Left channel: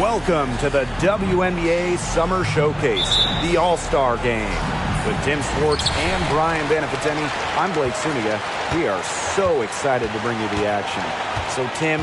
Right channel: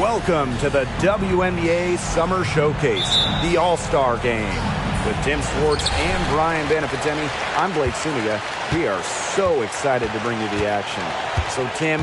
Welcome to the WNBA Summer Showcase, the All-Star Game. With Tim Swartz and Brian Banafitemi, I'm Blake Suniga. We are so excited to bring you the action. So, Tim,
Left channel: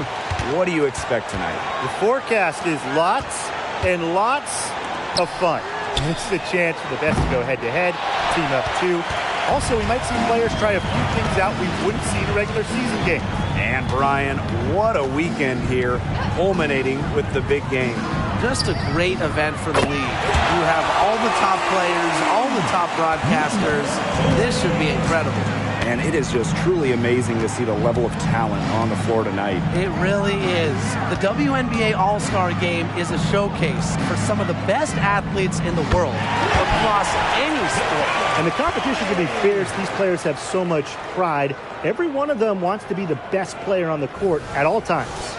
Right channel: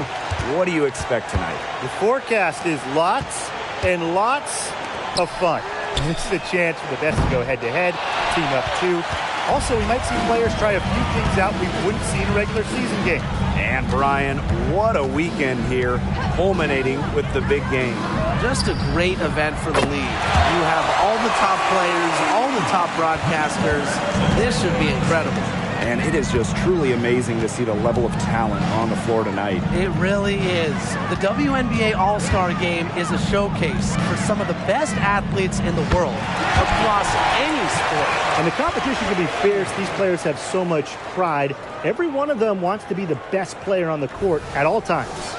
what do you expect tonight? The forecast is lots and lots of fun. This is a chance for the best to go head-to-head, team up two. Also, we might see players try a few things out we wouldn't see in a regular season game. And Brian, what a weekend here, culminating with the big game. Just a great event for the league. You have all the top players, all the top broadcasters. This should be incredible. And it is just truly amazing to see the level of talent on the floor tonight. It really is. The WNBA All-Star Game is a showcase for some of the best athletes in the world across any sport. And the competition can be fierce. These players have so much pride. Every one of them wants to be the best player on the court at all times.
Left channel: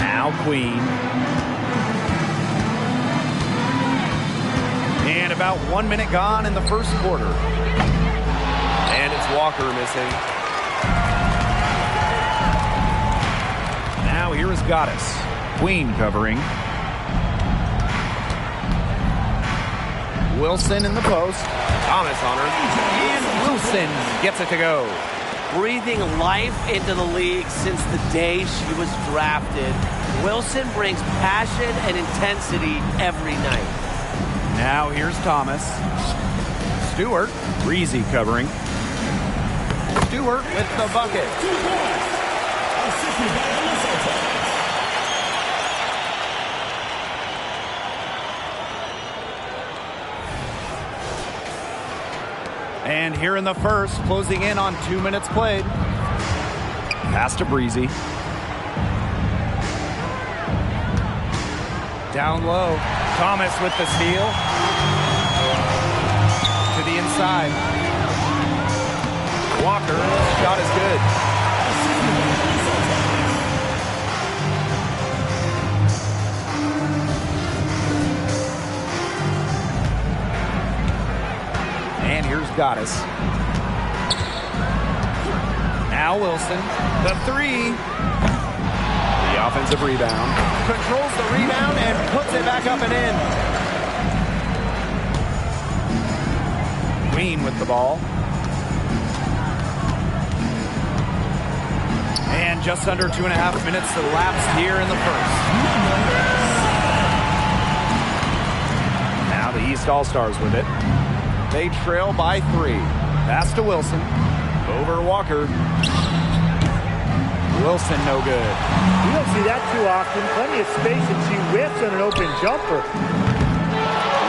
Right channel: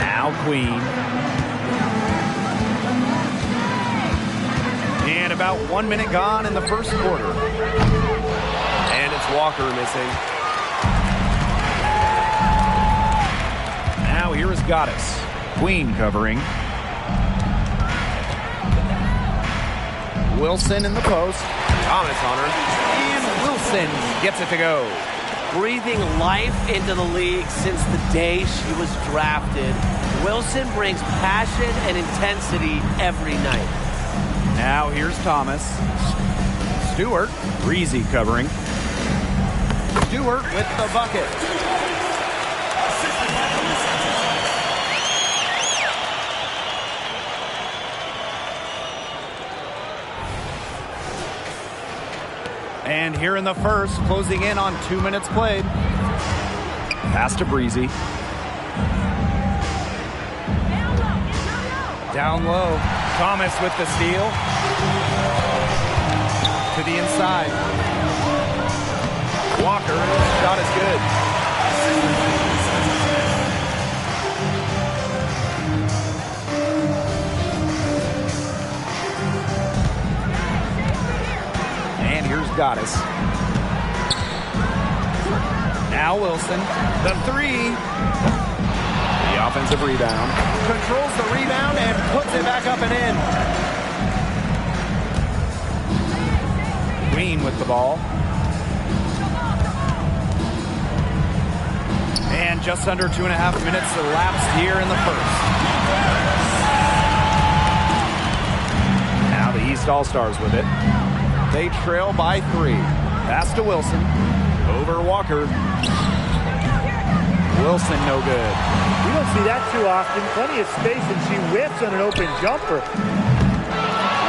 Now Queen. And about 1 minute gone in the first quarter. And it's Walker missing. Now here is Goddess. Queen covering. Wilson in the post. Thomas on her. And Wilson gets it to go. Breathing life into the league since the day she was drafted, Wilson brings passion and intensity every night. Now here's Thomas. Stewart, Breezy covering. Stewart with the bucket. And here in the first, closing in on 2 minutes played. Pass to Breezy. Down low. Thomas with the steal. To the inside. Walker, shot is good. And here's Goddess. Now Wilson, the three. The offensive rebound. Controls the rebound and puts it back up and in. Queen with the ball. And just under 2.5 minutes elapsed here in the first. Now the East All-Stars with it. They trail by 3. Pass to Wilson. Over Walker. Wilson no good. You don't see that too often. Plenty of space, and she whiffs on an open jumper.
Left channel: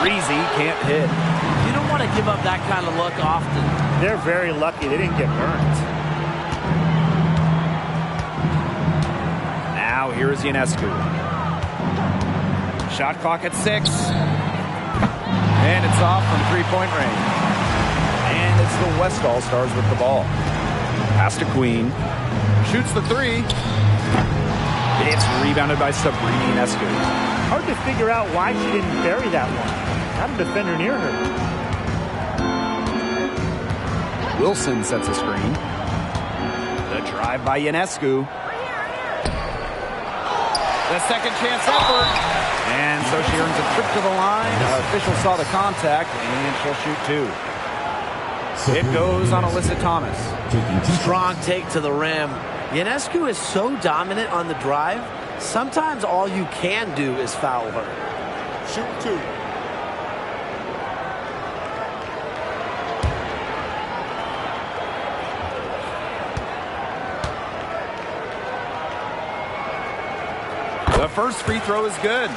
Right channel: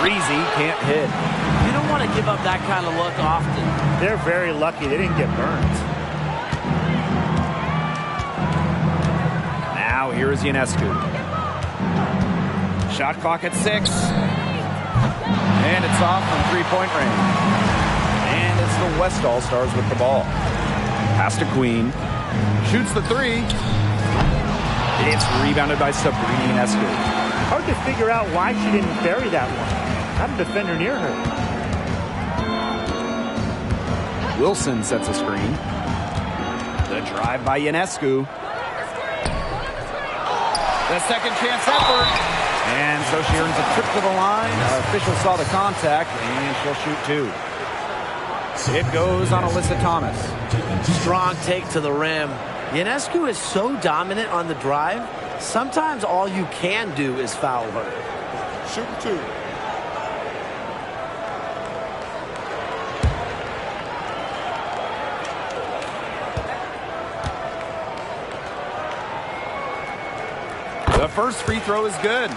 Breezy can't hit. You don't want to give up that kind of look often. They're very lucky they didn't get burned. Now here is Ionescu. Shot clock at 6. And it's off from three-point range. And it's the West All-Stars with the ball. Pass to Queen. Shoots the 3. It's rebounded by Sabrina Ionescu. Hard to figure out why she didn't bury that one. Not a defender near her. Wilson sets a screen. The drive by Ionescu. The second chance effort. And so she earns a trip to the line. Official saw the contact, and she'll shoot 2. It goes on Alyssa Thomas. Strong take to the rim. Ionescu is so dominant on the drive, sometimes all you can do is foul her. Shoot 2. The first free throw is good.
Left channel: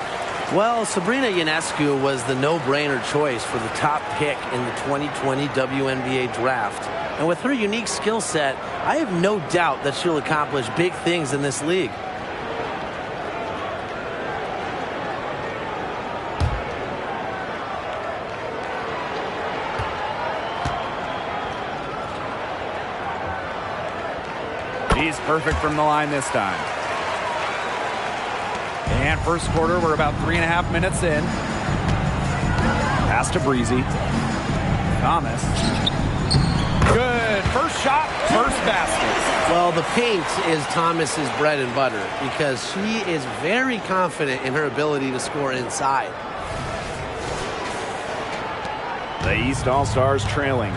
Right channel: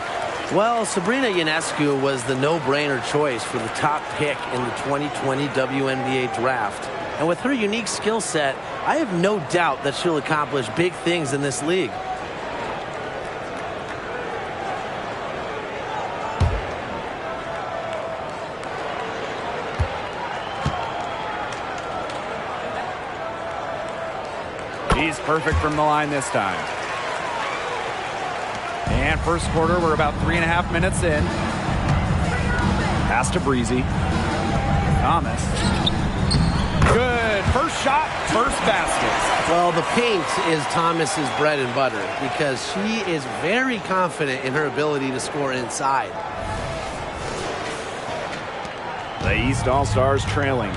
Well, Sabrina Ionescu was the no-brainer choice for the top pick in the 2020 WNBA draft. And with her unique skill set, I have no doubt that she'll accomplish big things in this league. She's perfect from the line this time. And first quarter, we're about 3.5 minutes in. Pass to Breezy. Thomas. Good First shot, first basket. Well, the paint is Thomas's bread and butter because she is very confident in her ability to score inside. The East All-Stars trailing.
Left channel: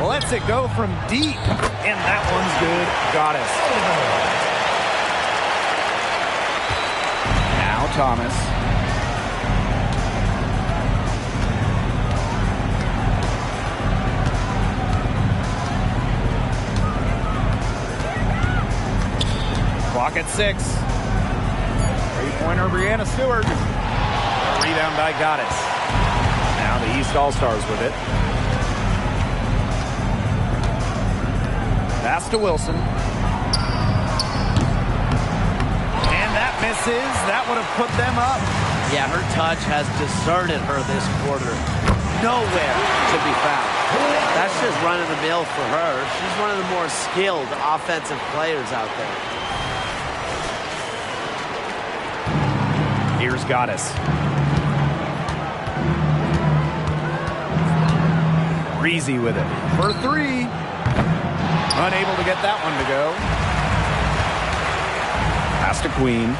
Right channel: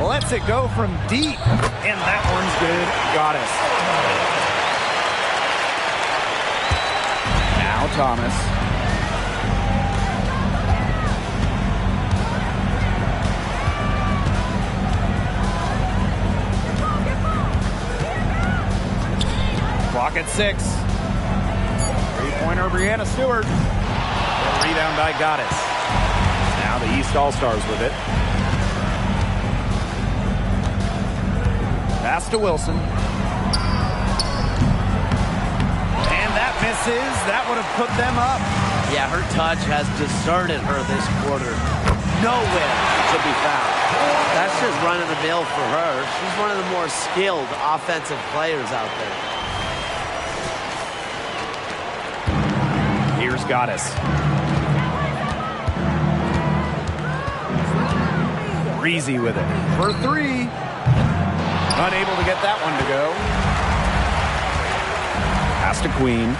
Lets it go from deep. And that one's good. Goddess. Now Thomas. Clock at 6. Three-pointer, Brianna Stewart. A rebound by Goddess. Now the East All-Stars with it. Pass to Wilson. And that misses. That would have put them up. Yeah, her touch has deserted her this quarter. Nowhere to be found. That's just running the mill for her. She's one of the more skilled offensive players out there. Here's Goddess. Breezy with it. For 3. Unable to get that one to go. Pass to Queen.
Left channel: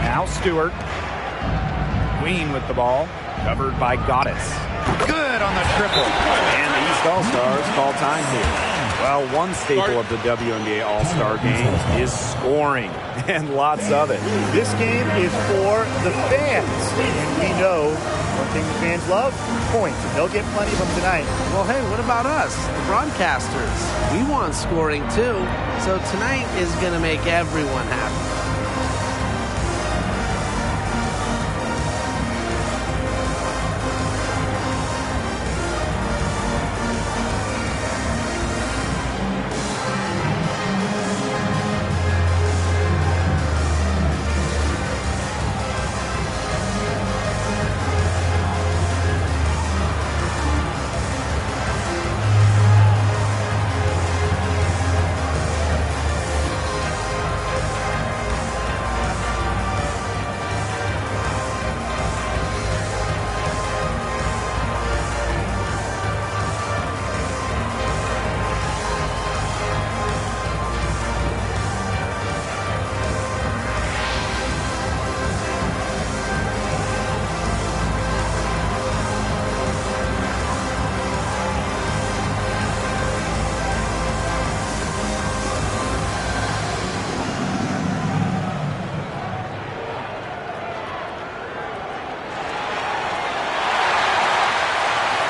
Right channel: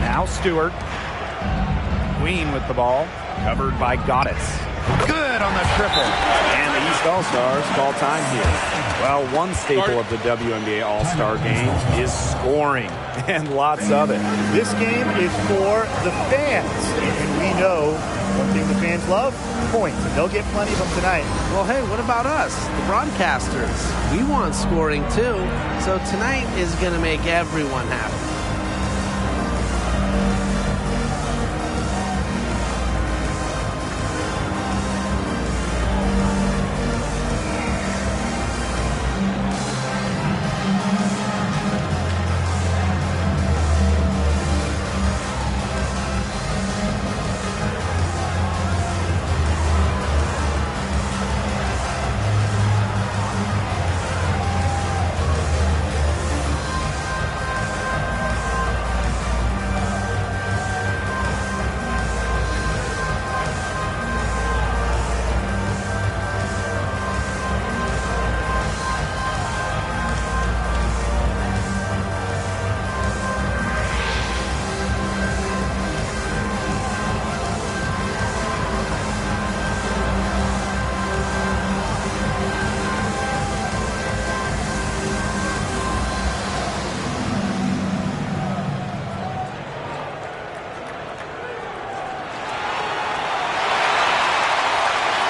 Now Stewart. Queen with the ball. Covered by Goddess. Good on the triple. And the East All-Stars call time here. Well, one staple of the WNBA All-Star game is scoring, and lots of it. This game is for the fans, and we know one thing the fans love, points, and they'll get plenty of them tonight. Well, hey, what about us, the broadcasters? We want scoring too, so tonight is going to make everyone happy.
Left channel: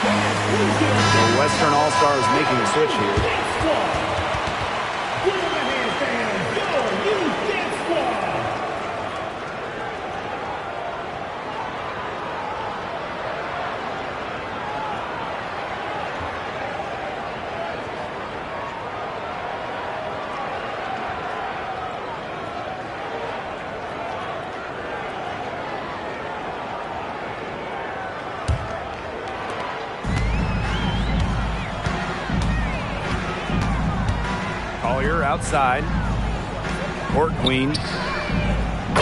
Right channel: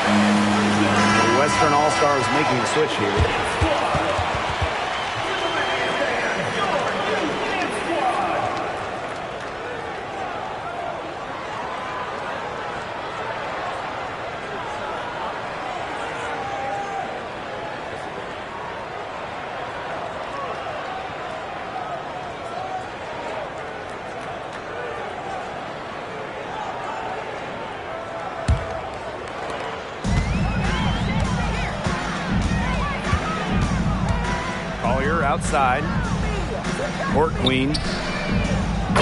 The Western All-Stars making a switch here. Collier outside. Court Queen.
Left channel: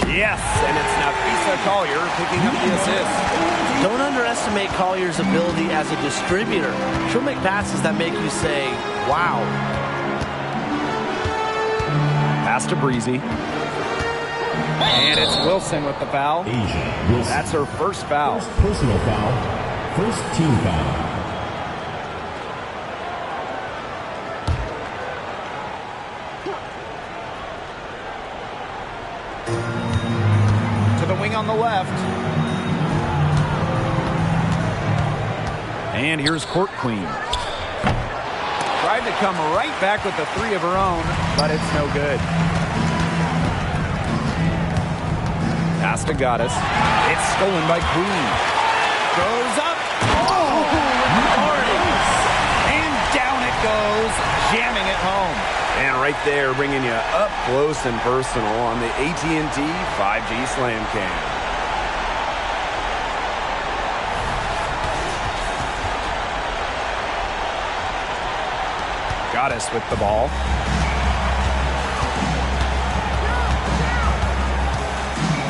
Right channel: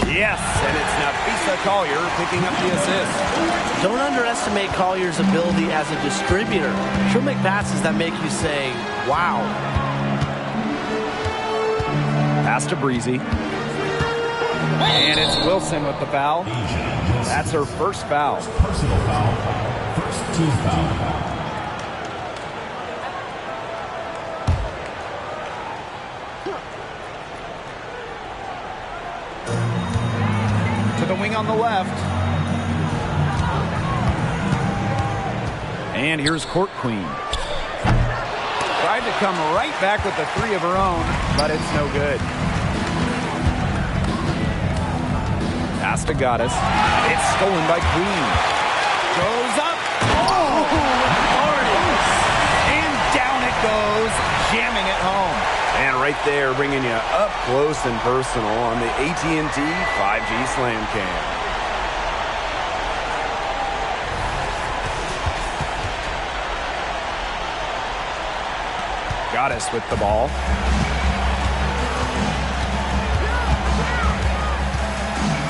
Yes, and it's Nafisa Collier picking up the assist. Don't underestimate Collier's ability as a distributor. She'll make passes that make you say, wow. Pass to Breezy. And it's Wilson with the foul. That's her first foul. Personal foul. First team foul. To the wing on the left. And here's Court Queen. Tried to come right back with the 3 of her own, but it's no good. Pass to Goddess. It's stolen by Queen. Goes up. Oh, with authority. And down it goes, jamming it home. And right there, bringing you up close and personal on the AT&T 5G Slam Cam. Goddess with the ball.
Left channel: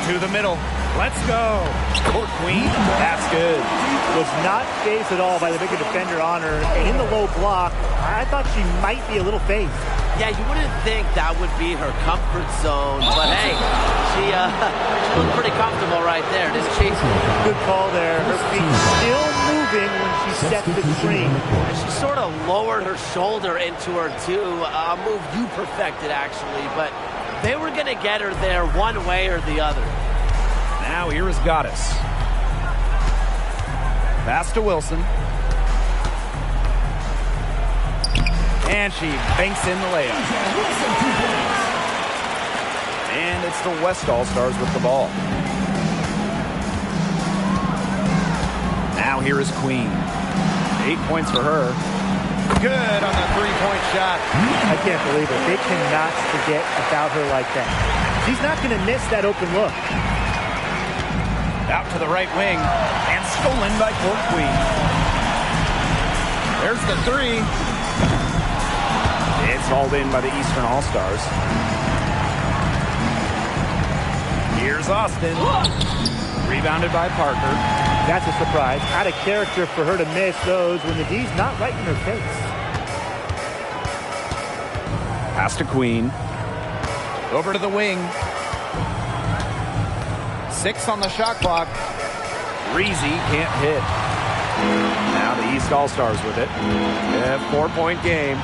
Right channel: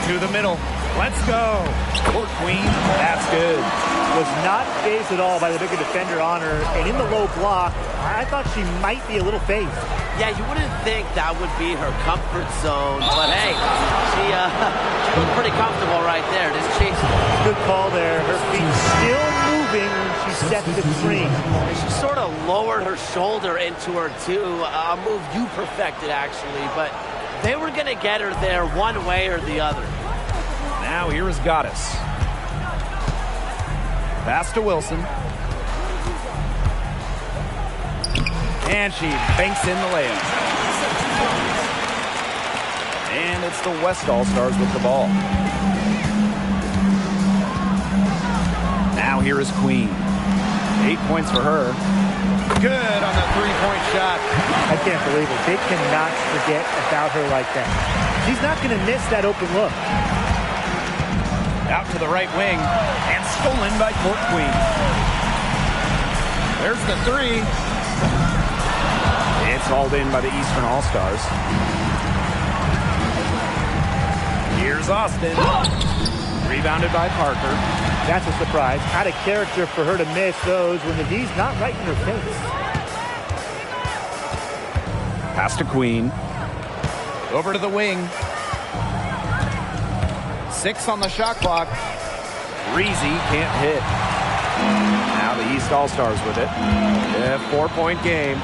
To the middle. Let's go. Court Queen. That's good. was not fazed at all by the bigger defender on her. And in the low block, I thought she might be a little phased. Yeah, you wouldn't think that would be her comfort zone. But, hey, she looked pretty comfortable right there, didn't she? Good call there. Her feet still moving when she set the screen. And she sort of lowered her shoulder into her, too. A move you perfected, actually. But they were going to get her there one way or the other. Now here is Goddess. Pass to Wilson. And she banks in the layup. And it's the West All-Stars with the ball. Now here is Queen. 8 points for her. Good on the three-point shot. I can't believe it. They cannot forget about her like that. She's not going to miss that open look. Out to the right wing. And stolen by Court Queen. There's the three. It's hauled in by the Eastern All-Stars. Here's Austin. Rebounded by Parker. That's a surprise. Out of character for her to miss those when the D's not right in her face. Pass to Queen. Over to the wing. 6 on the shot clock. Breezy can't hit. Now the East All-Stars with it. A 4-point game.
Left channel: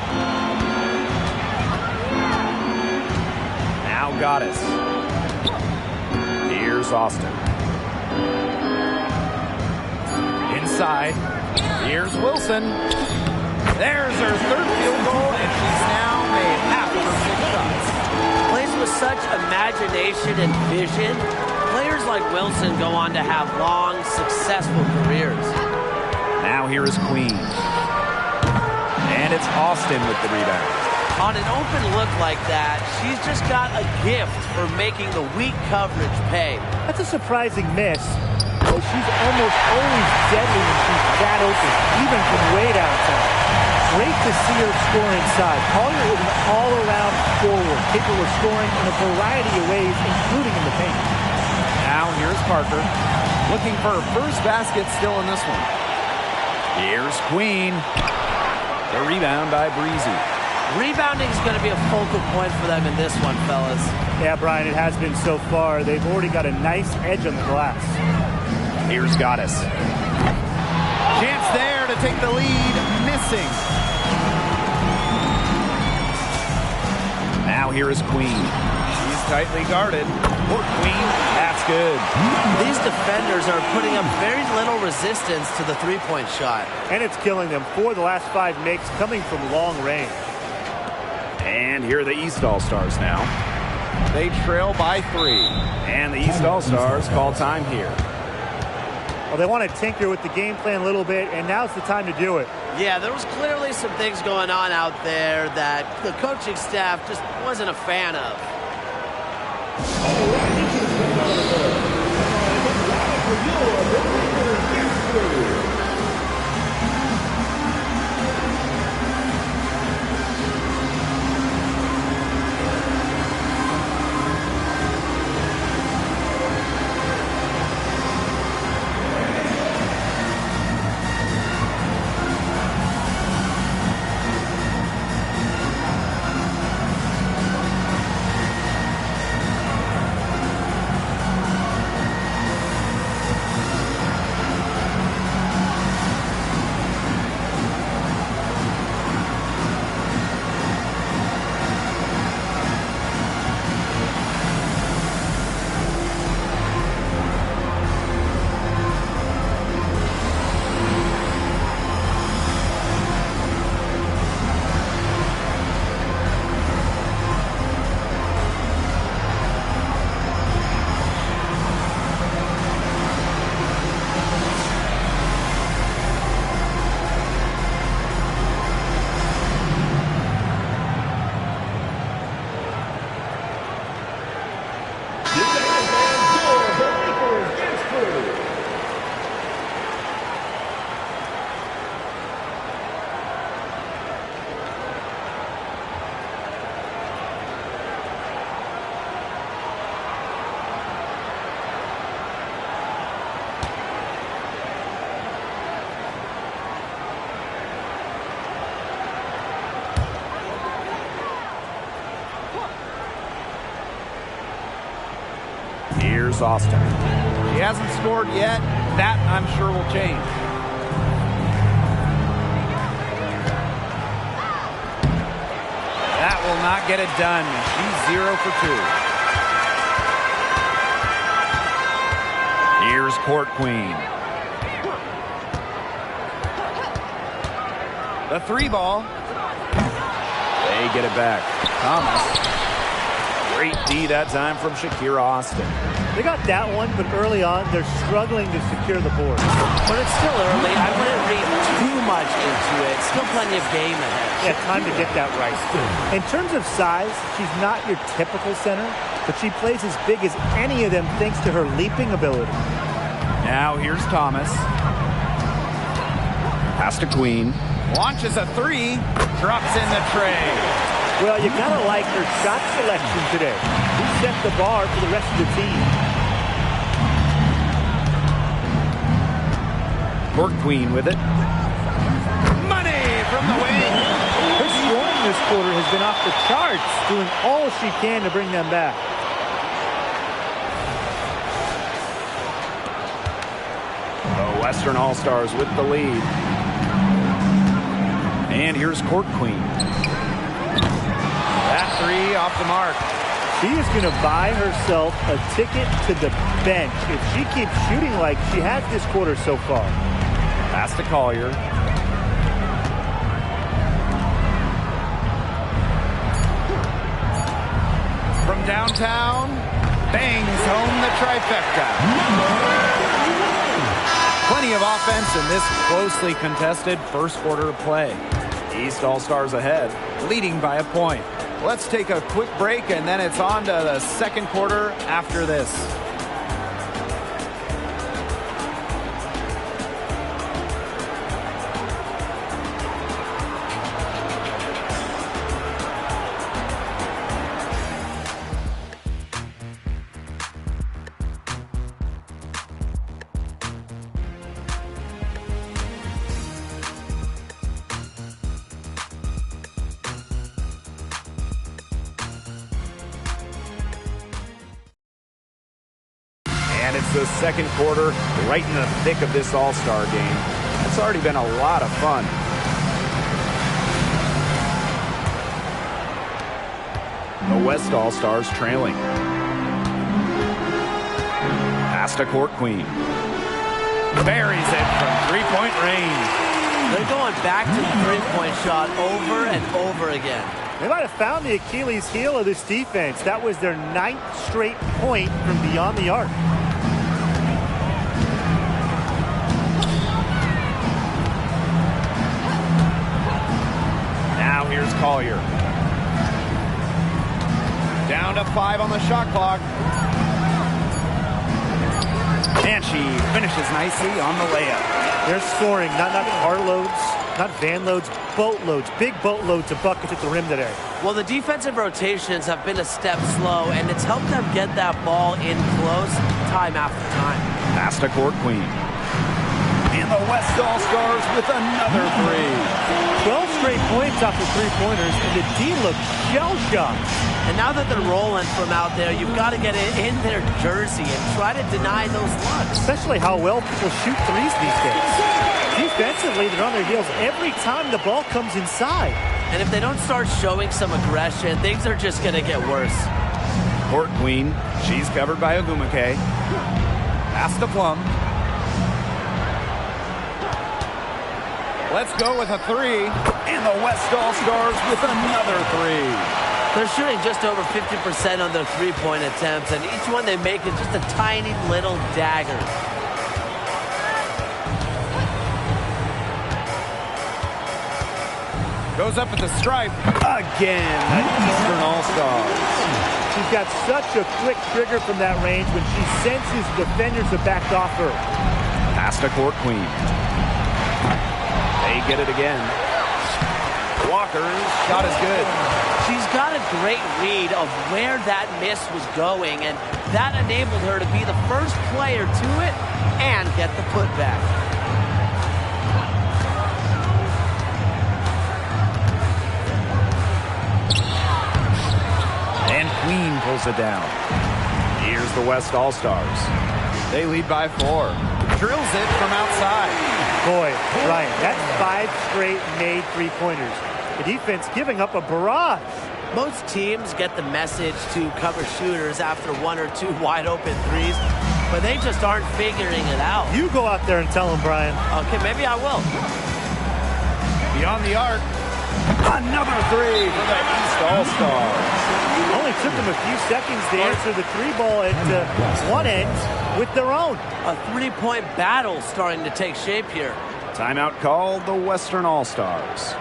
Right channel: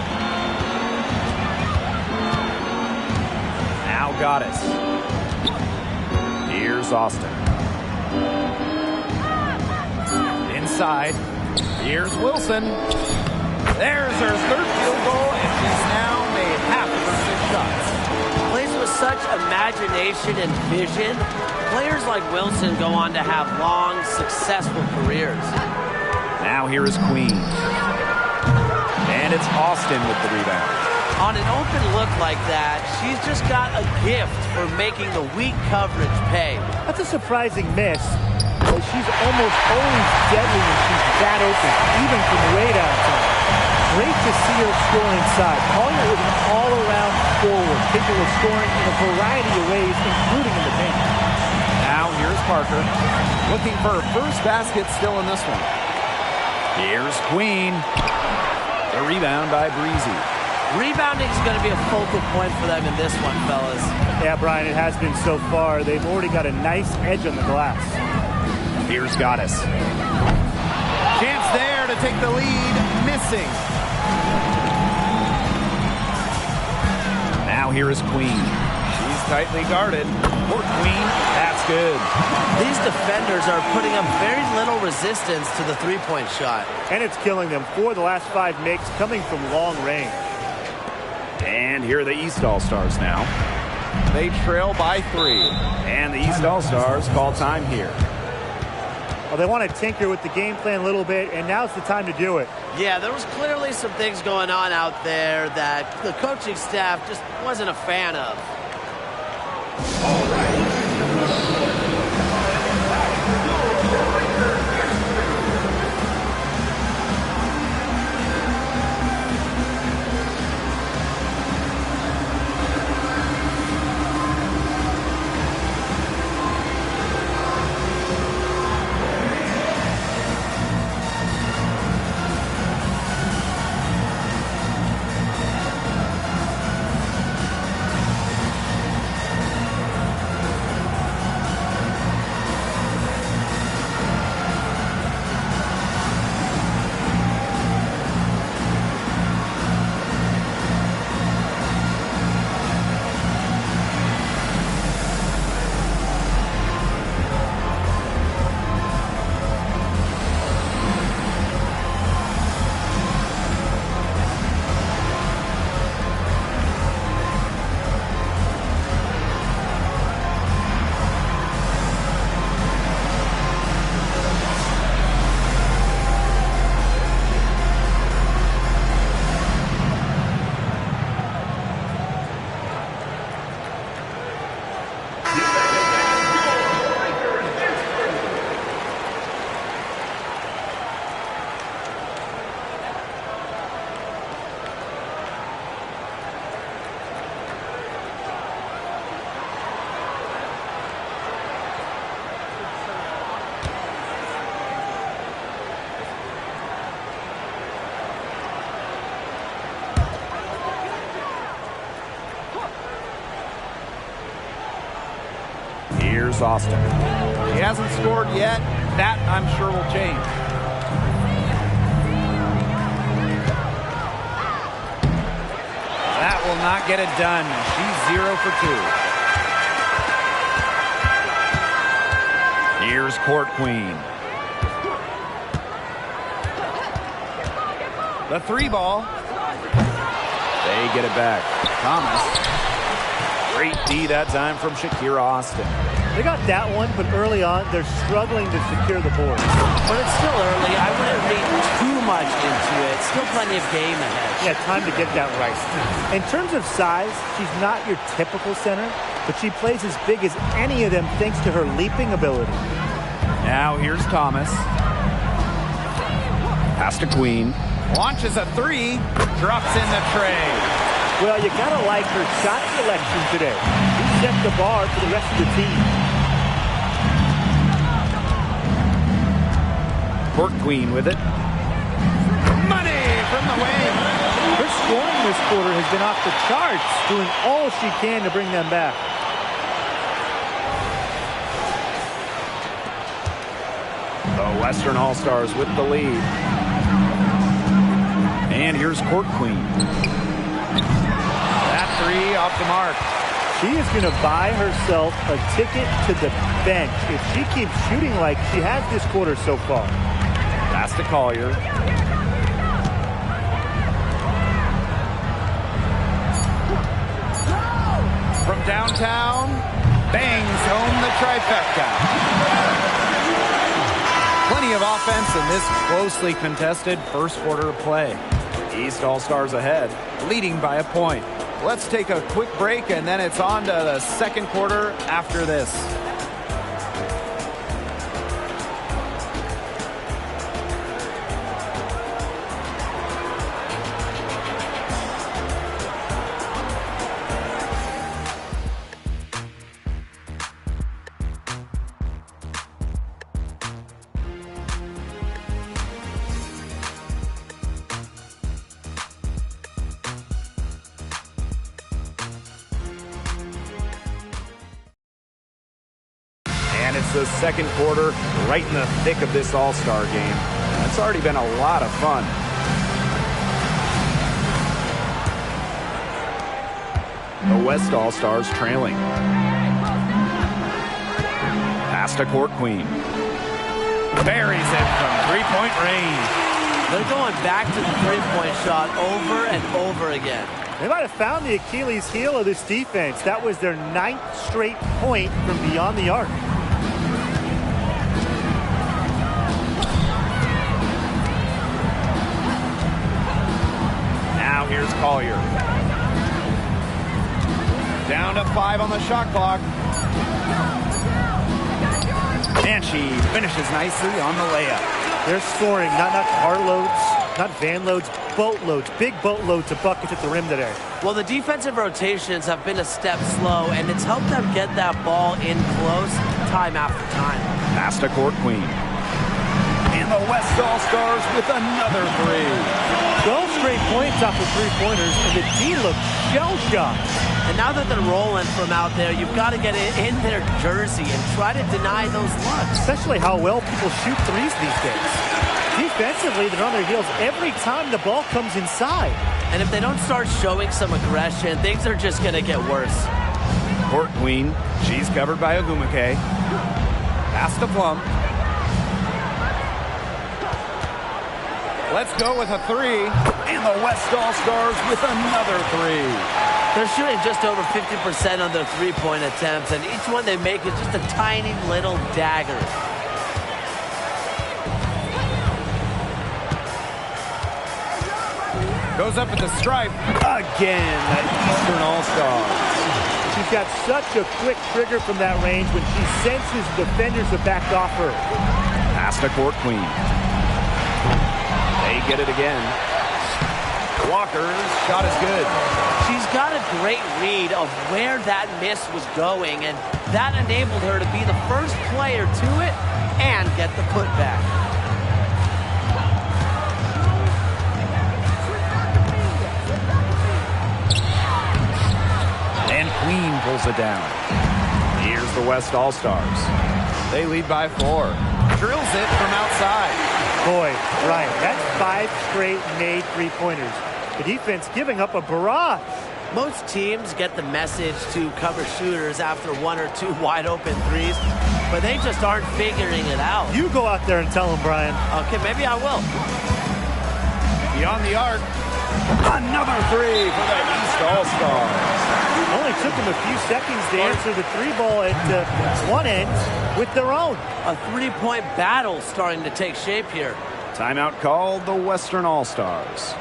Now Goddess. Here's Austin. Inside. Here's Wilson. There's her third field goal, and she's now made half of her 6 shots. Plays with such imagination and vision. Players like Wilson go on to have long, successful careers. Now here is Queen. And it's Austin with the rebound. On an open look like that, she's just got a gift for making the weak coverage pay. That's a surprising miss, but she's almost always deadly when she's that open, even from way downtown. Great to see her score inside. Collier is an all-around forward, capable of scoring in a variety of ways, including in the paint. Now here's Parker, looking for her first basket still in this one. Here's Queen. The rebound by Breezy. Rebounding is going to be a focal point for them in this one, fellas. Yeah, Brian, it has been so far. They've already got a nice edge on the glass. Here's Goddess. Chance there to take the lead, missing. Now here is Queen. She's tightly guarded. Court Queen, that's good. These defenders are putting up very little resistance to the three-point shot. And it's killing them. 4 of the last 5 makes coming from long range. And here are the East All-Stars now. They trail by 3. And the East All-Stars call time here. Well, they want to tinker with the game plan a little bit, and now's the time to do it. Yeah, there was clearly some things going on out there that the coaching staff just wasn't a fan of. Here's Austin. She hasn't scored yet. That, I'm sure, will change. That will not get it done. She's 0 for 2. Here's Court Queen. The 3 ball. They get it back. Thomas. Great D that time from Shakira Austin. They got that one, but early on, they're struggling to secure the board. But it's still early. I wouldn't read too much into it. Still plenty of game ahead. Yeah, time to get that right. In terms of size, she's not your typical center, but she plays as big as any of them thanks to her leaping ability. Now here's Thomas. Pass to Queen. Launches a 3. Drops in the tray. Well, you gotta like her shot selection today. She set the bar for the rest of the team. Court Queen with it. Money from the wing. Her scoring this quarter has been off the charts, doing all she can to bring them back. The Western All-Stars with the lead. And here's Court Queen. That 3 off the mark. She is going to buy herself a ticket to the bench if she keeps shooting like she has this quarter so far. Pass to Collier. From downtown, bangs home the trifecta. Plenty of offense in this closely contested first quarter of play. East All-Stars ahead, leading by a point. Let's take a quick break, and then it's on to the second quarter after this. And it's the second quarter, right in the thick of this All-Star game. It's already been a lot of fun. The West All-Stars trailing. Pass to Court Queen. Buries it from three-point range. They're going back to the three-point shot over and over again. They might have found the Achilles heel of this defense. That was their 9th straight point from beyond the arc. Now here's Collier. Down to 5 on the shot clock. And she finishes nicely on the layup. They're scoring, not carloads, not van loads, boatloads, big boatloads of buckets at the rim today. Well, the defensive rotations have been a step slow, and it's helped them get that ball in close time after time. Pass to Court Queen. And the West All-Stars with another 3. 12 straight points off of three-pointers, and the D looks shell-shocked. And now that they're rolling from out there, you've got to get it in their jersey and try to deny those looks. Especially how well people shoot threes these days. Defensively, they're on their heels every time the ball comes inside. And if they don't start showing some aggression, things are just going to get worse. Court Queen, she's covered by Ogumake. Pass to Plum. Let's go with a 3. And the West All-Stars with another 3. They're shooting just over 50% on their three-point attempts, and each one they make is just a tiny little dagger. Goes up at the stripe. Again, the Eastern All-Stars. She's got such a quick trigger from that range when she senses the defenders have backed off her. Pass to Court Queen. They get it again. Walker's shot is good. She's got a great read of where that miss was going, and that enabled her to be the first player to it and get the putback. And Queen pulls it down. Here's the West All-Stars. They lead by 4. Drills it from outside. Boy, Ryan, that's 5 straight made three-pointers. The defense giving up a barrage. Most teams get the message to cover shooters after 1 or 2 wide-open threes, but they just aren't figuring it out. You go out there and tell them, Brian. Okay, maybe I will. Beyond the arc. Another 3 for the East All-Stars. Only took them a few seconds to answer the 3-ball at one end with their own. A 3-point battle starting to take shape here. Timeout called the Western All-Stars.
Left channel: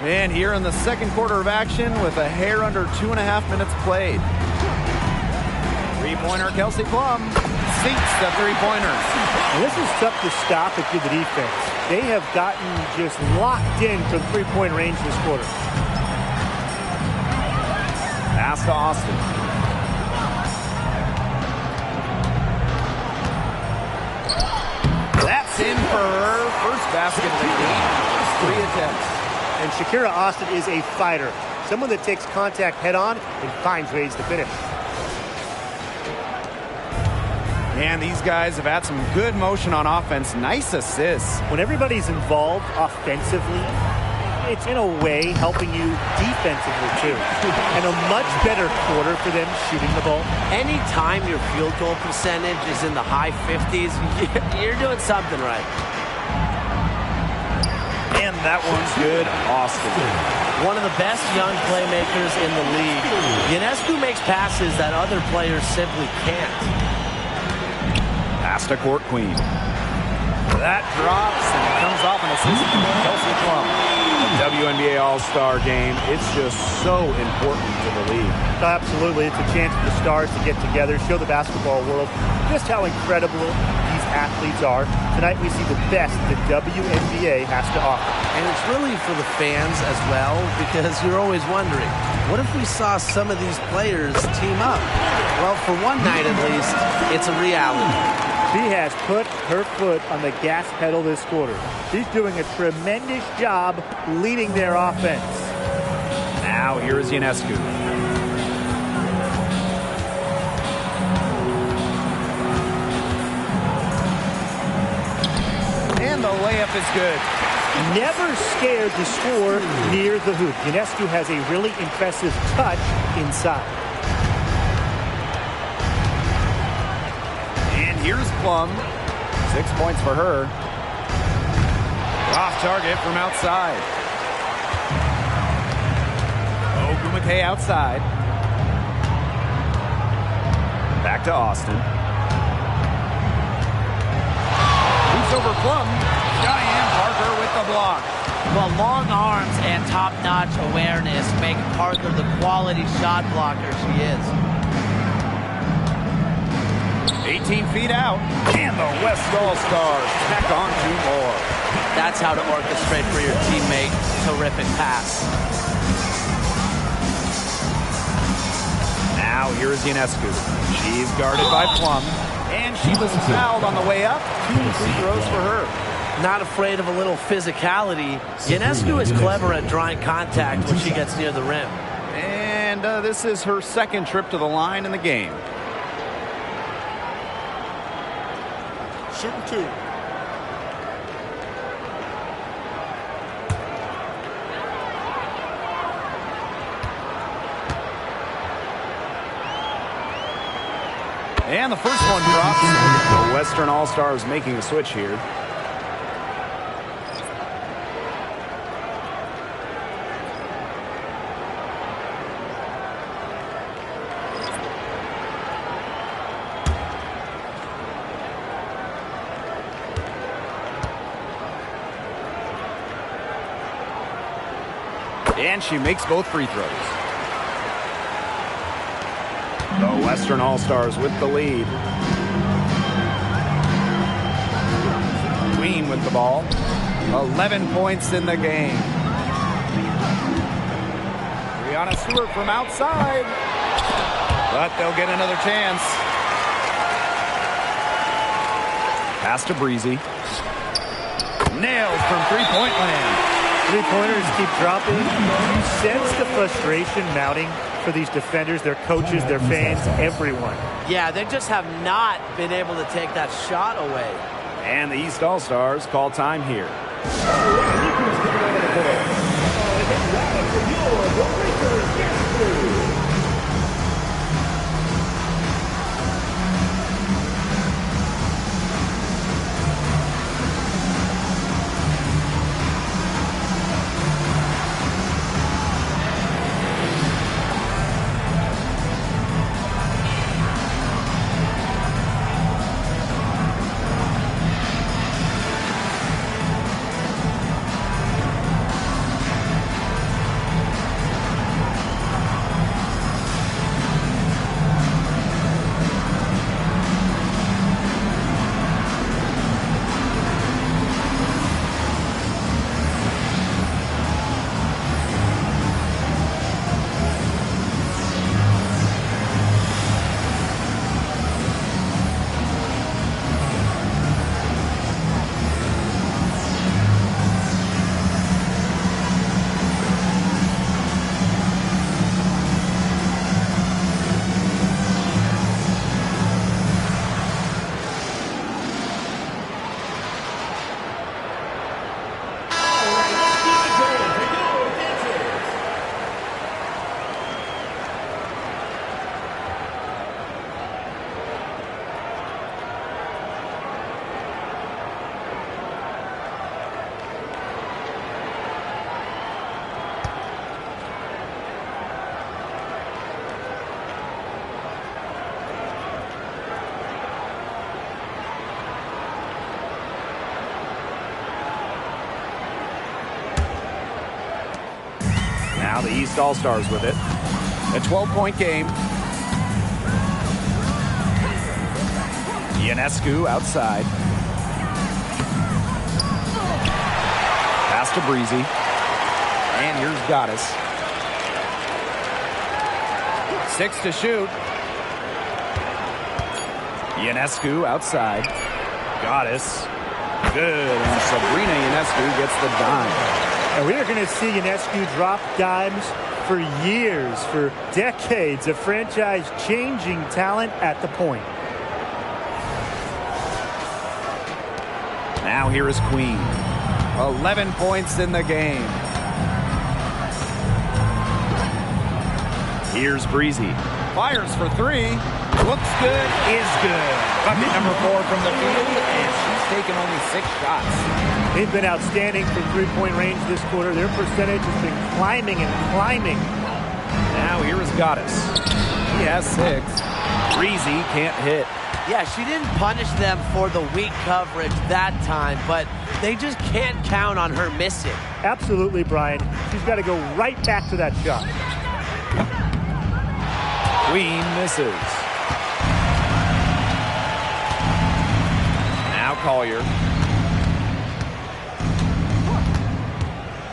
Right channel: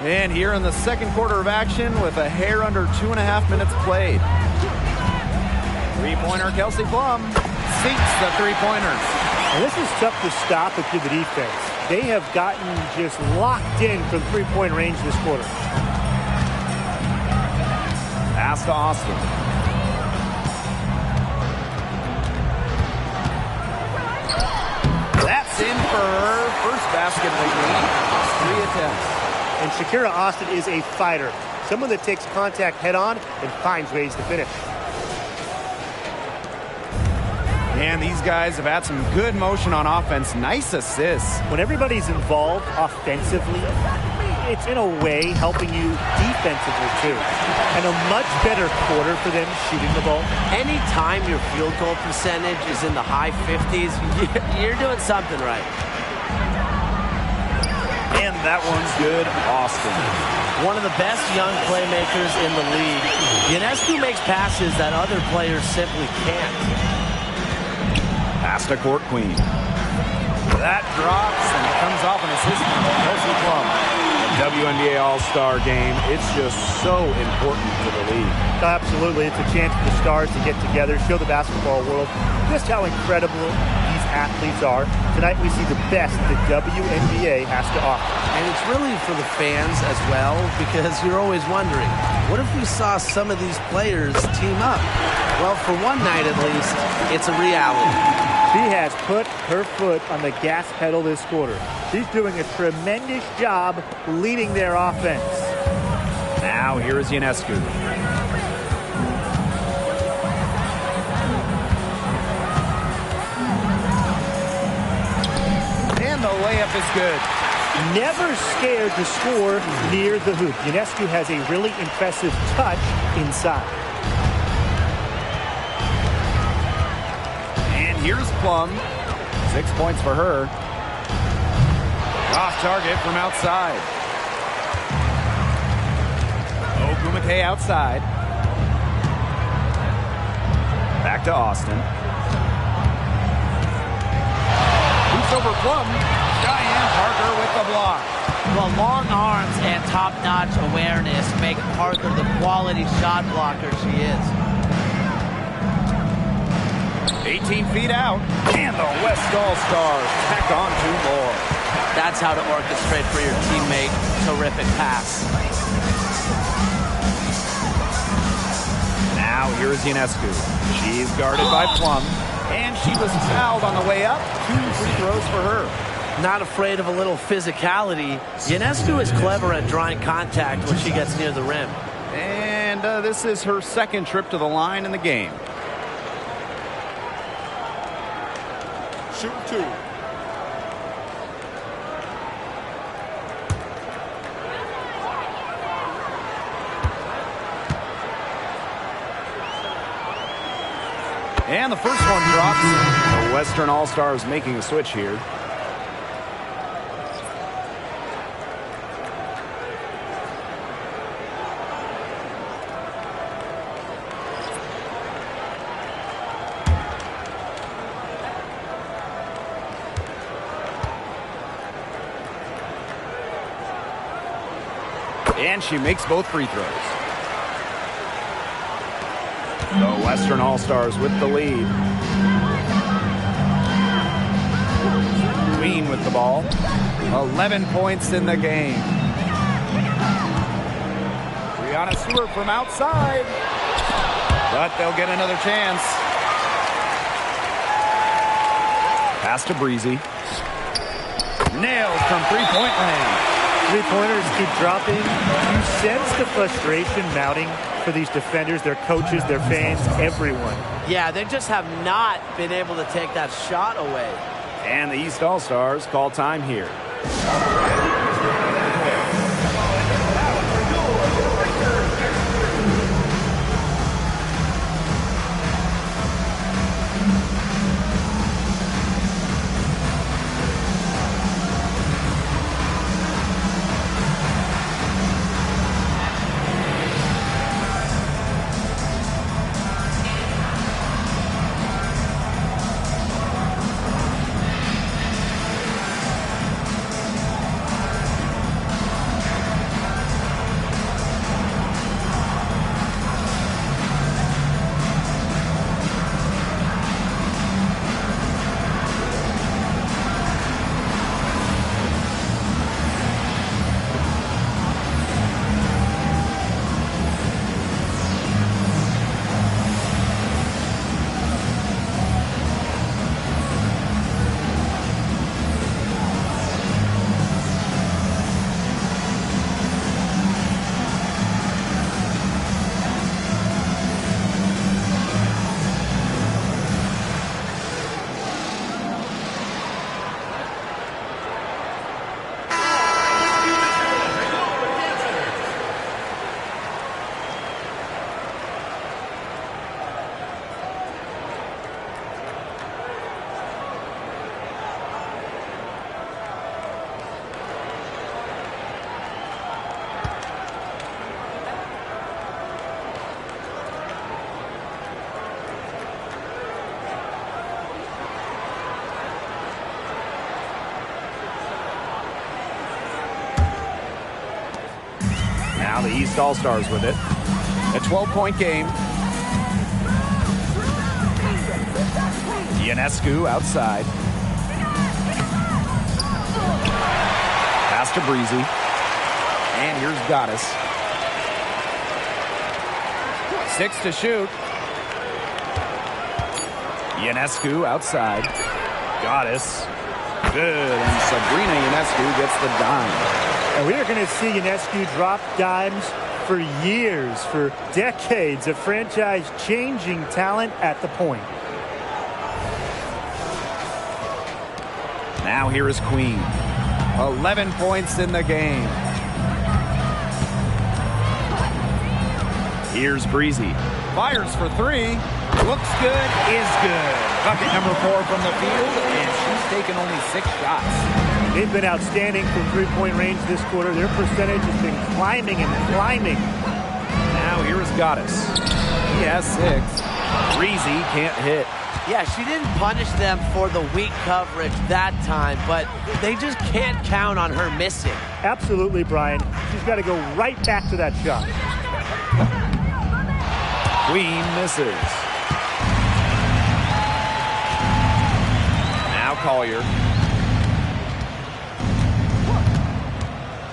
And here in the second quarter of action with a hair under 2.5 minutes played. Three-pointer Kelsey Plum sinks the three-pointers. And this is tough to stop if you're the defense. They have gotten just locked in for the three-point range this quarter. Pass to Austin. That's in for her first basket of the game after 3 attempts. And Shakira Austin is a fighter. Someone that takes contact head-on and finds ways to finish. And these guys have had some good motion on offense. Nice assists. When everybody's involved offensively, it's in a way helping you defensively too. And a much better quarter for them shooting the ball. Anytime your field goal percentage is in the high 50s, you're doing something right. And that one's good, Austin. One of the best young playmakers in the league. Ionescu makes passes that other players simply can't. Pass to Court Queen. That drops, and it comes off an assist from Kelsey Plum. The WNBA All-Star game, it's just so important to the league. Absolutely. It's a chance for the stars to get together, show the basketball world just how incredible these athletes are. Tonight we see the best the WNBA has to offer. And it's really for the fans as well, because you're always wondering, what if we saw some of these players team up? Well, for one night at least, it's a reality. She has put her foot on the gas pedal this quarter. She's doing a tremendous job leading their offense. Now here is Ionescu. And the layup is good. Never scared to score near the hoop. Ionescu has a really impressive touch inside. And here's Plum. 6 points for her. Off target from outside. Ogumake outside. Back to Austin. Boots over Plum. Cheyenne Parker with the block. Well, long arms and top-notch awareness make Parker the quality shot blocker she is. 18 feet out, and the West All-Stars tack on 2 more. That's how to orchestrate for your teammate. Terrific pass. Now here is Ionescu. She's guarded by Plum, and she was fouled on the way up. 2 free throws for her. Not afraid of a little physicality. Ionescu is clever at drawing contact when she gets near the rim. And this is her second trip to the line in the game. Shooting 2. And the first one drops. The Western All-Stars making a switch here. And she makes both free throws. The Western All-Stars with the lead. Queen with the ball. 11 points in the game. Brianna Stewart from outside. But they'll get another chance. Pass to Breezy. Nailed from three-point land. Three-pointers keep dropping. You sense the frustration mounting for these defenders, their coaches, their fans, everyone. Yeah, they just have not been able to take that shot away. And the East All-Stars call time here. Now the East All-Stars with it. A 12-point game. Ionescu outside. Pass to Breezy. And here's Goddess. 6 to shoot. Ionescu outside. Goddess. Good. And Sabrina Ionescu gets the dime. And we are going to see Ionescu drop dimes for years, for decades, a franchise-changing talent at the point. Now here is Queen. 11 points in the game. Here's Breezy. Fires for 3. Looks good, is good. Bucket number 4 from the field, and she's taken only 6 shots. They've been outstanding from three-point range this quarter. Their percentage has been climbing and climbing. Now here is Goddess. He has 6. Breezy can't hit. Yeah, she didn't punish them for the weak coverage that time, but they just can't count on her missing. Absolutely, Brian. She's got to go right back to that shot. Queen misses. Now Collier.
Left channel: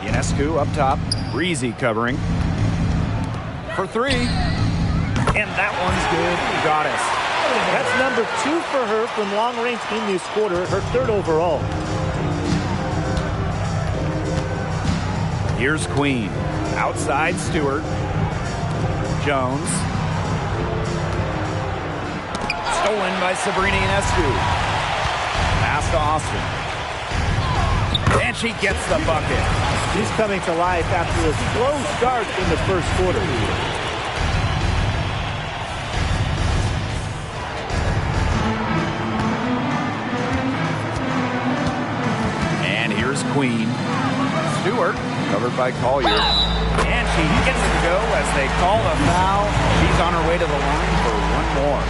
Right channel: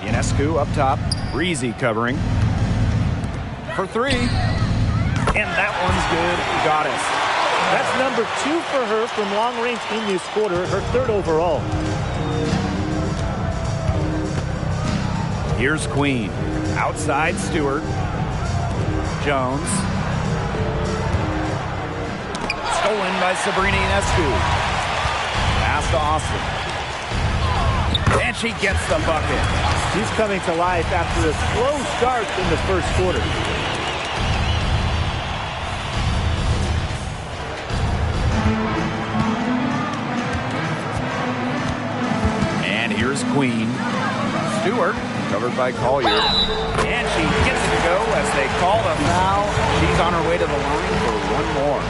Ionescu up top. Breezy covering. For three. And that one's good. Goddess. That's number 2 for her from long range in this quarter, her 3rd overall. Here's Queen. Outside Stewart. Jones. Stolen by Sabrina Ionescu. Pass to Austin. And she gets the bucket. She's coming to life after a slow start in the first quarter. And here's Queen. Stewart, covered by Collier. And she gets it to go as they call the foul. She's on her way to the line for one more.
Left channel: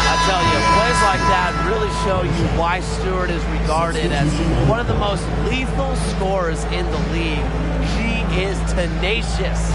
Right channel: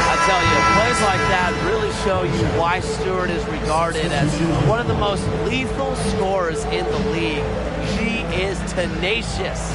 I tell you, plays like that really show you why Stewart is regarded as one of the most lethal scorers in the league. She is tenacious.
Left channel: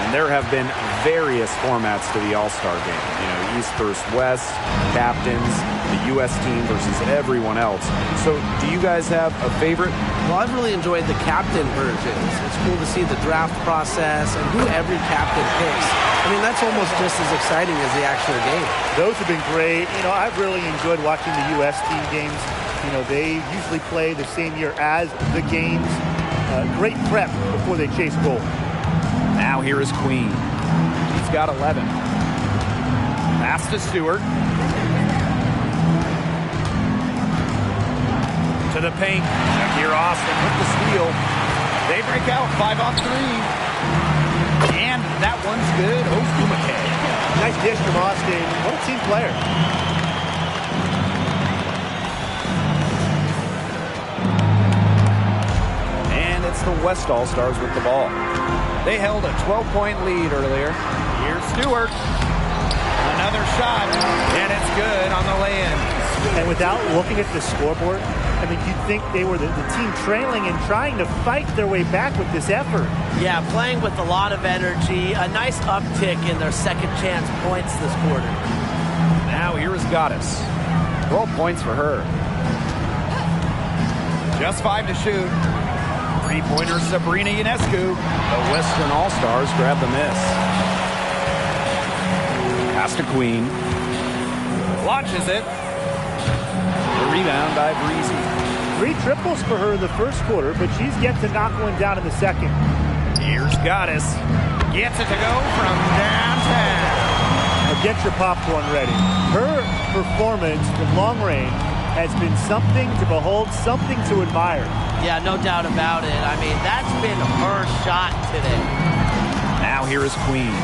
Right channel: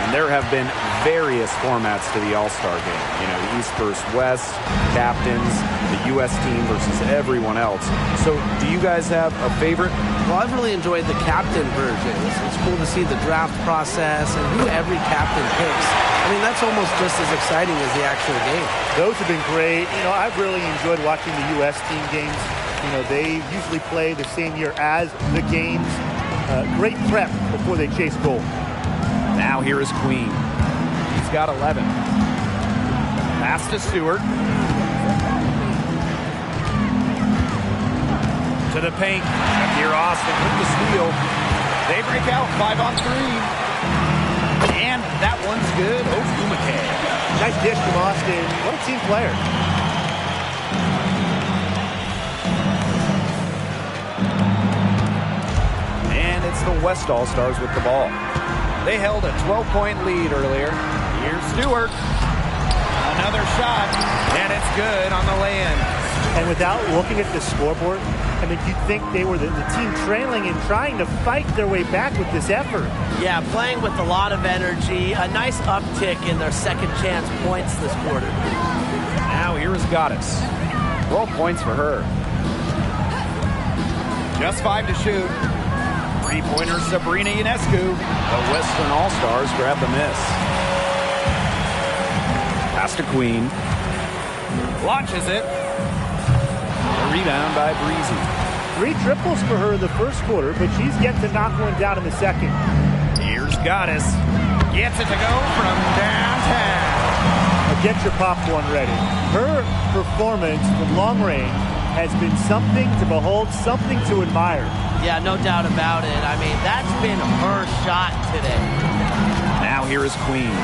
And there have been various formats to the All-Star game. You know, East versus West, captains, the U.S. team versus everyone else. So do you guys have a favorite? Well, I've really enjoyed the captain version. It's cool to see the draft process and who every captain picks. I mean, that's almost just as exciting as the actual game. Those have been great. You know, I've really enjoyed watching the U.S. team games. You know, they usually play the same year as the games. Great prep before they chase goal. Now here is Queen. She's got 11. Pass to Stewart. To the paint. Shakir Austin with the steal. They break out 5-on-3. And that one's good. Ofumake. Nice dish from Austin. What a team player. And it's the West All-Stars with the ball. They held a 12-point lead earlier. Here's Stewart. Another shot. And it's good on the lay-in. And without looking at the scoreboard, I mean, you'd think they were the team trailing and trying to fight their way back with this effort. Yeah, playing with a lot of energy. A nice uptick in their second chance points this quarter. Now here is Goddess. 12 points for her. Just 5 to shoot. Three-pointer Sabrina Ionescu. The Western All-Stars grab the miss. Pass to Queen. Launches it. The rebound by Breezy. 3 triples for her in the first quarter, but she's yet to knock one down in the second. Here's Goddess. Gets it to go from downtown. Now get your popcorn ready. Her performance from long range has been something to behold, something to admire. Yeah, no doubt about it. I mean, that's been her shot today. Now here is Queen.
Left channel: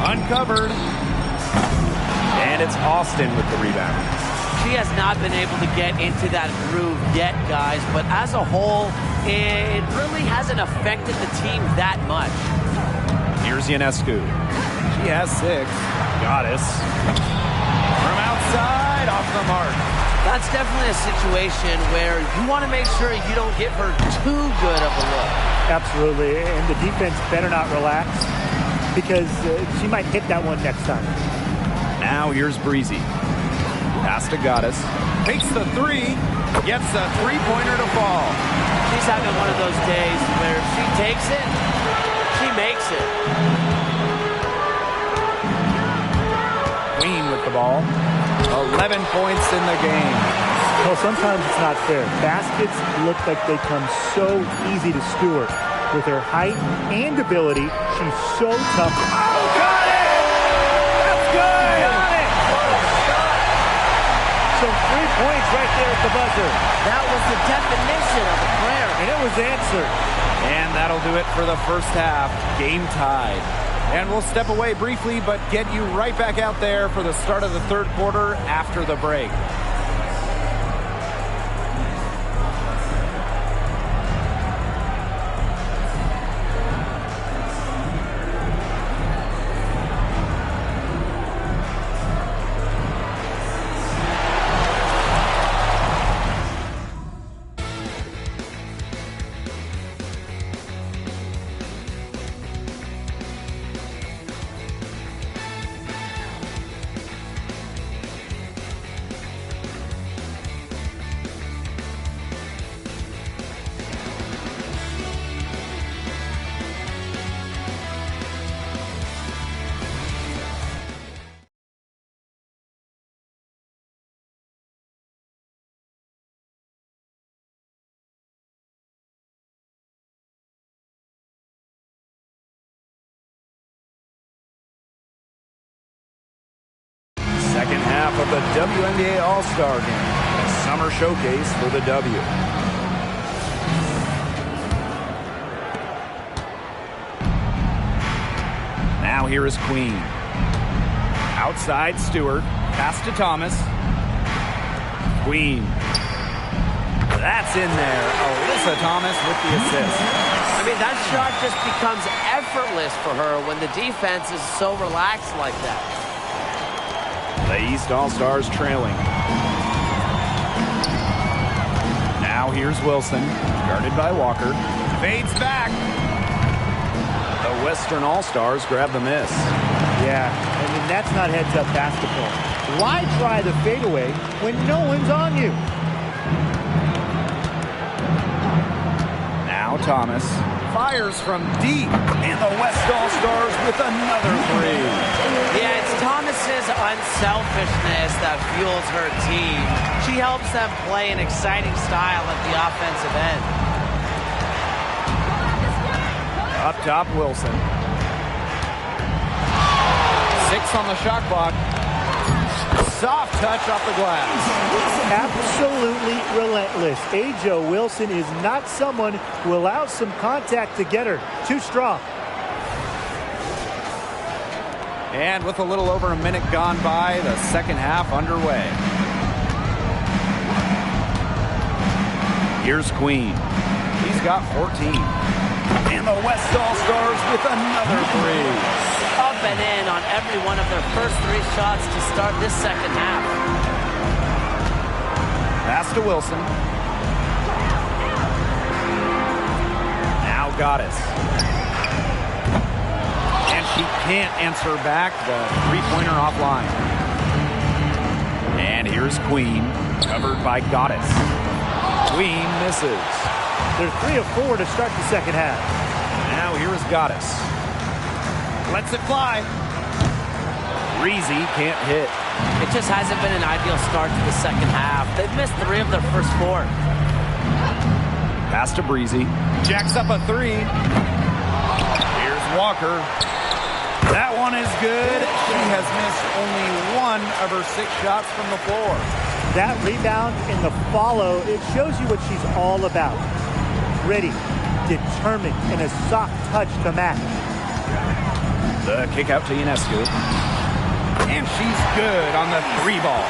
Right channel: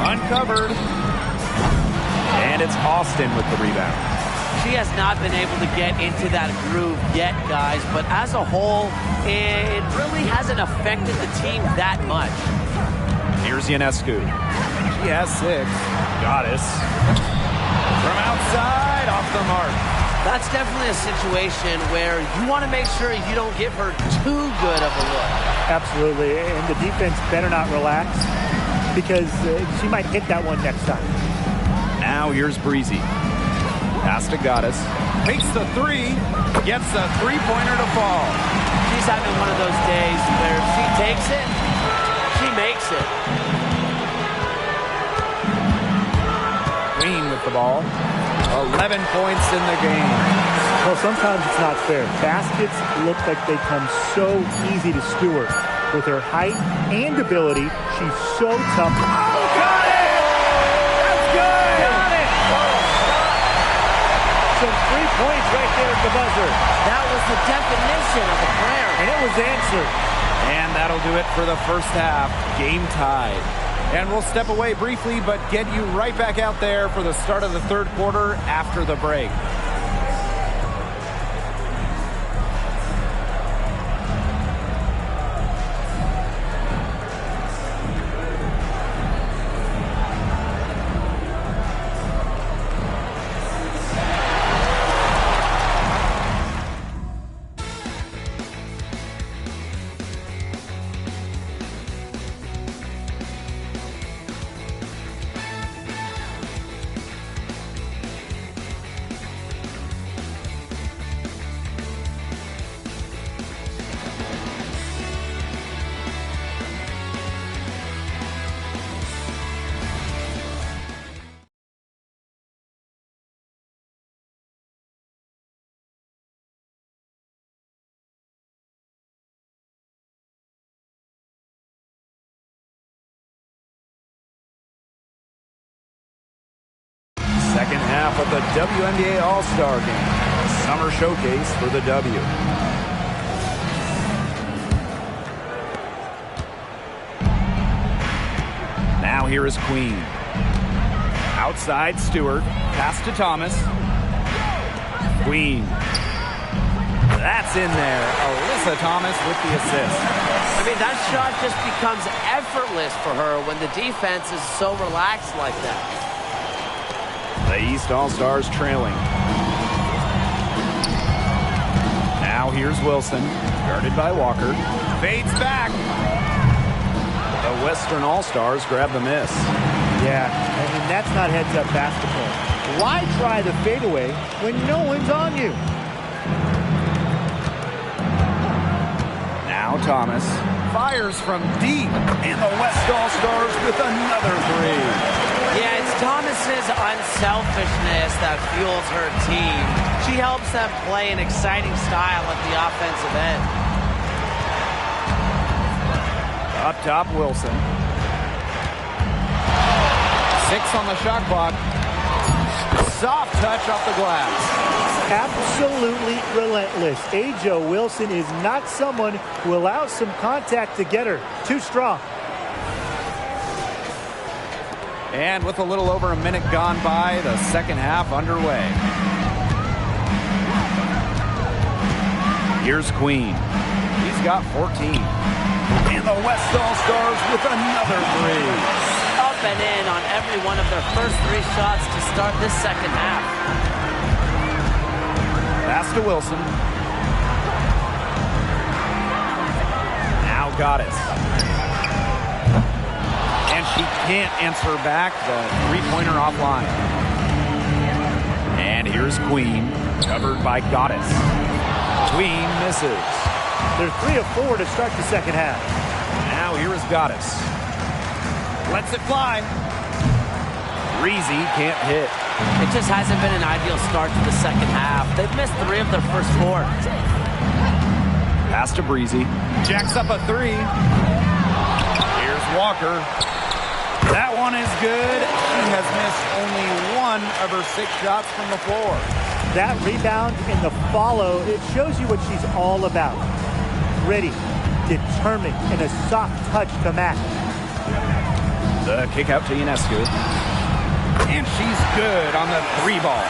Uncovered. And it's Austin with the rebound. She has not been able to get into that groove yet, guys, but as a whole, it really hasn't affected the team that much. Here's Ionescu. She has 6. Goddess. From outside, off the mark. That's definitely a situation where you want to make sure you don't give her too good of a look. Absolutely, and the defense better not relax because she might hit that one next time. Now here's Breezy. Pass to Goddess. Takes the 3. Gets the three-pointer to fall. She's having one of those days where if she takes it, she makes it. Queen with the ball. 11 points in the game. Well, sometimes it's not fair. Baskets look like they come so easy to Stewart. With her height and ability, she's so tough. Oh, got it! That's good! Got it! Some 3 points right there at the buzzer. That was the definition of a prayer. And it was answered. And that'll do it for the first half. Game tied. And we'll step away briefly, but get you right back out there for the start of the third quarter after the break. Second half of the WNBA All-Star Game, a summer showcase for the W. Now here is Queen. Outside Stewart, pass to Thomas. Queen. That's in there. Alyssa Thomas with the assist. I mean, that shot just becomes effortless for her when the defense is so relaxed like that. The East All-Stars trailing. Now here's Wilson, guarded by Walker. Fades back. The Western All-Stars grab the miss. Yeah, I mean, that's not heads-up basketball. Why try the fadeaway when no one's on you? Now Thomas fires from deep, and the West All-Stars with another three. Yeah, it's Thomas's unselfishness that fuels her team. She helps them play an exciting style at the offensive end. Up top, Wilson. 6 on the shot clock. Soft touch off the glass. Absolutely relentless. Ajo Wilson is not someone who allows some contact to get her. Too strong. And with a little over a minute gone by, the second half underway. Here's Queen. He's got 14. And the West All-Stars with another three. Up and in on every one of their first 3 shots to start this second half. Pass to Wilson. Now Goddess. And she can't answer back the three-pointer offline. And here's Queen, covered by Goddess. Queen misses. They're 3 of 4 to start the second half. Now here is Goddess. Lets it fly. Breezy can't hit. It just hasn't been an ideal start to the second half. They've missed 3 of their first 4. Pass to Breezy. Jacks up a 3. Here's Walker. That one is good. She has missed only 1 of her 6 shots from the floor. That rebound in the follow, it shows you what she's all about. Gritty, determined, and a soft touch to match. The kick out to Ionescu. And she's good on the 3 ball.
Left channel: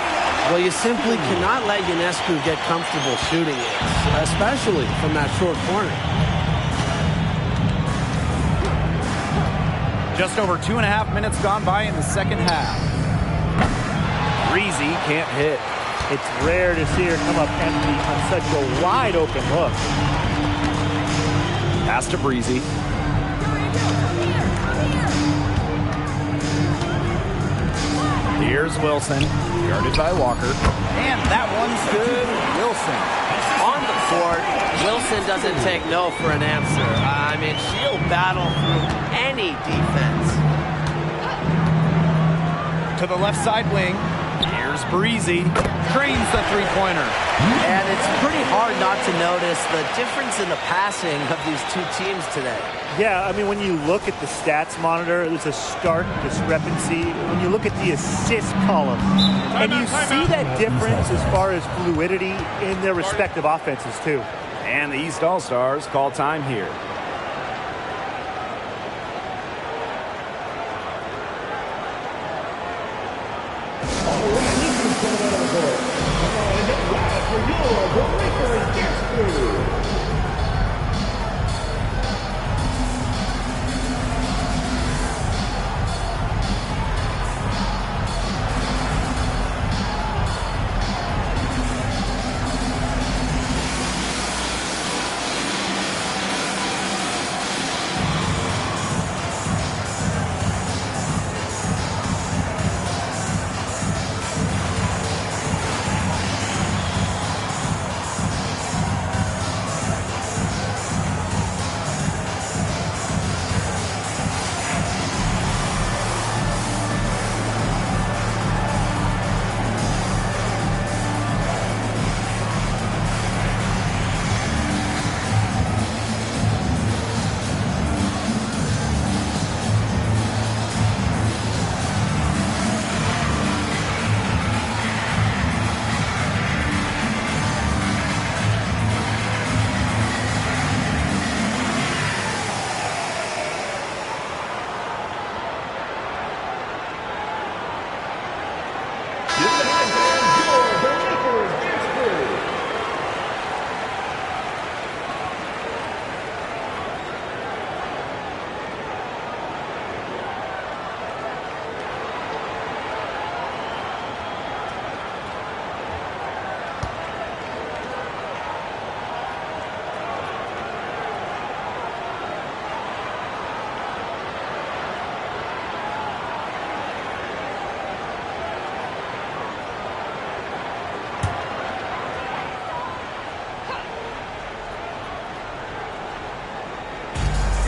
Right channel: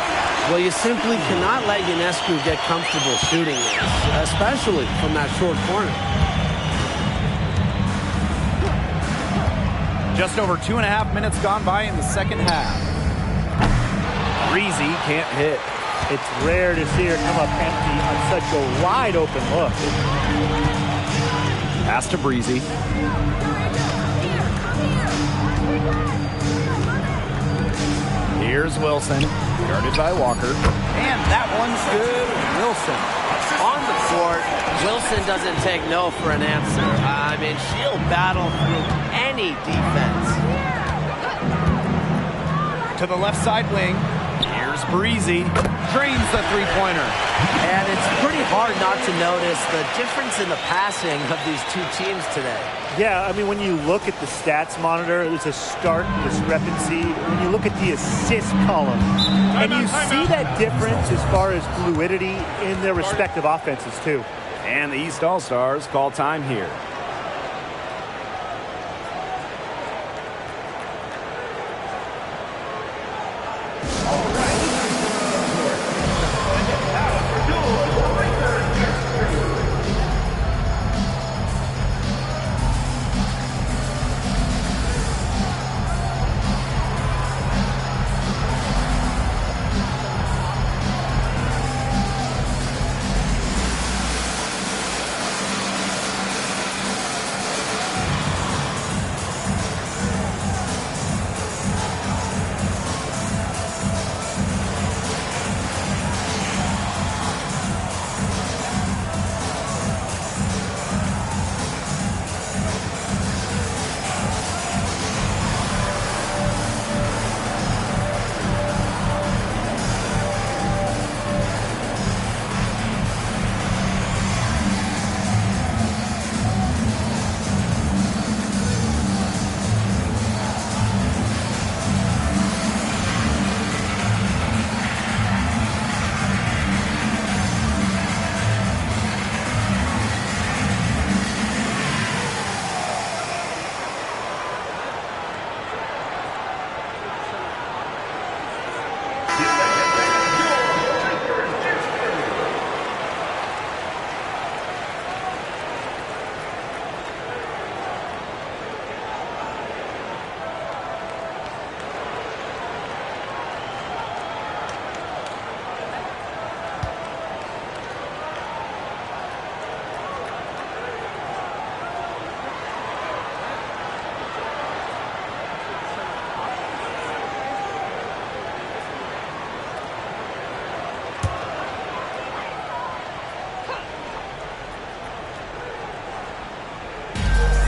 Well, you simply cannot let Ionescu get comfortable shooting it, especially from that short corner. Just over 2.5 minutes gone by in the second half. Breezy can't hit. It's rare to see her come up empty on such a wide open look. Pass to Breezy. Here's Wilson, guarded by Walker. And that one's good. Wilson. On the court, Wilson doesn't take no for an answer. I mean, she'll battle through any defense. To the left side wing. Here's Breezy. Drains the three-pointer. And it's pretty hard not to notice the difference in the passing of these 2 teams today. Yeah, I mean, when you look at the stats monitor, there's a stark discrepancy. When you look at the assist column, and you see that difference as far as fluidity in their respective offenses, too. And the East All-Stars call time here.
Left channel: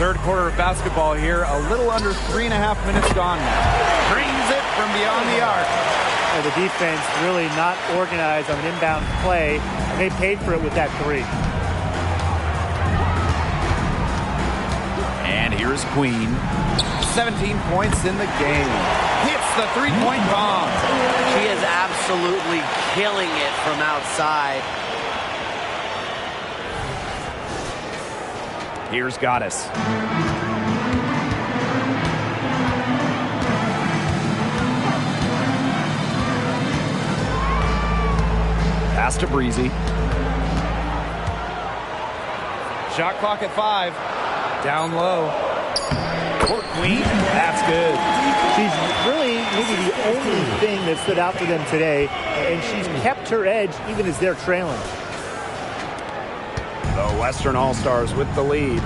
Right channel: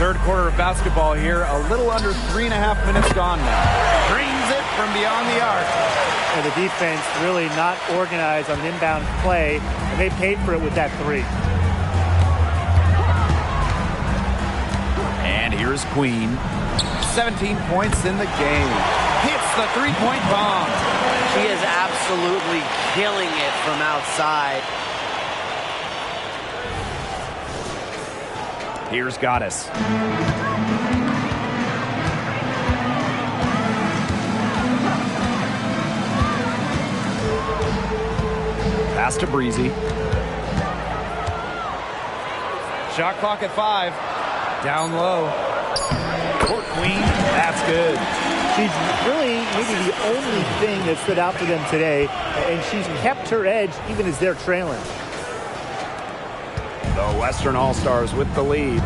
Third quarter of basketball here. A little under 3.5 minutes gone now. Drains it from beyond the arc. And the defense really not organized on an inbound play, and they paid for it with that three. And here's Queen. 17 points in the game. Hits the three-point bomb. She is absolutely killing it from outside. Here's Goddess. Pass to Breezy. Shot clock at 5. Down low. Court Queen. That's good. She's really maybe the only thing that stood out for them today, and she's kept her edge even as they're trailing. The Western All-Stars with the lead.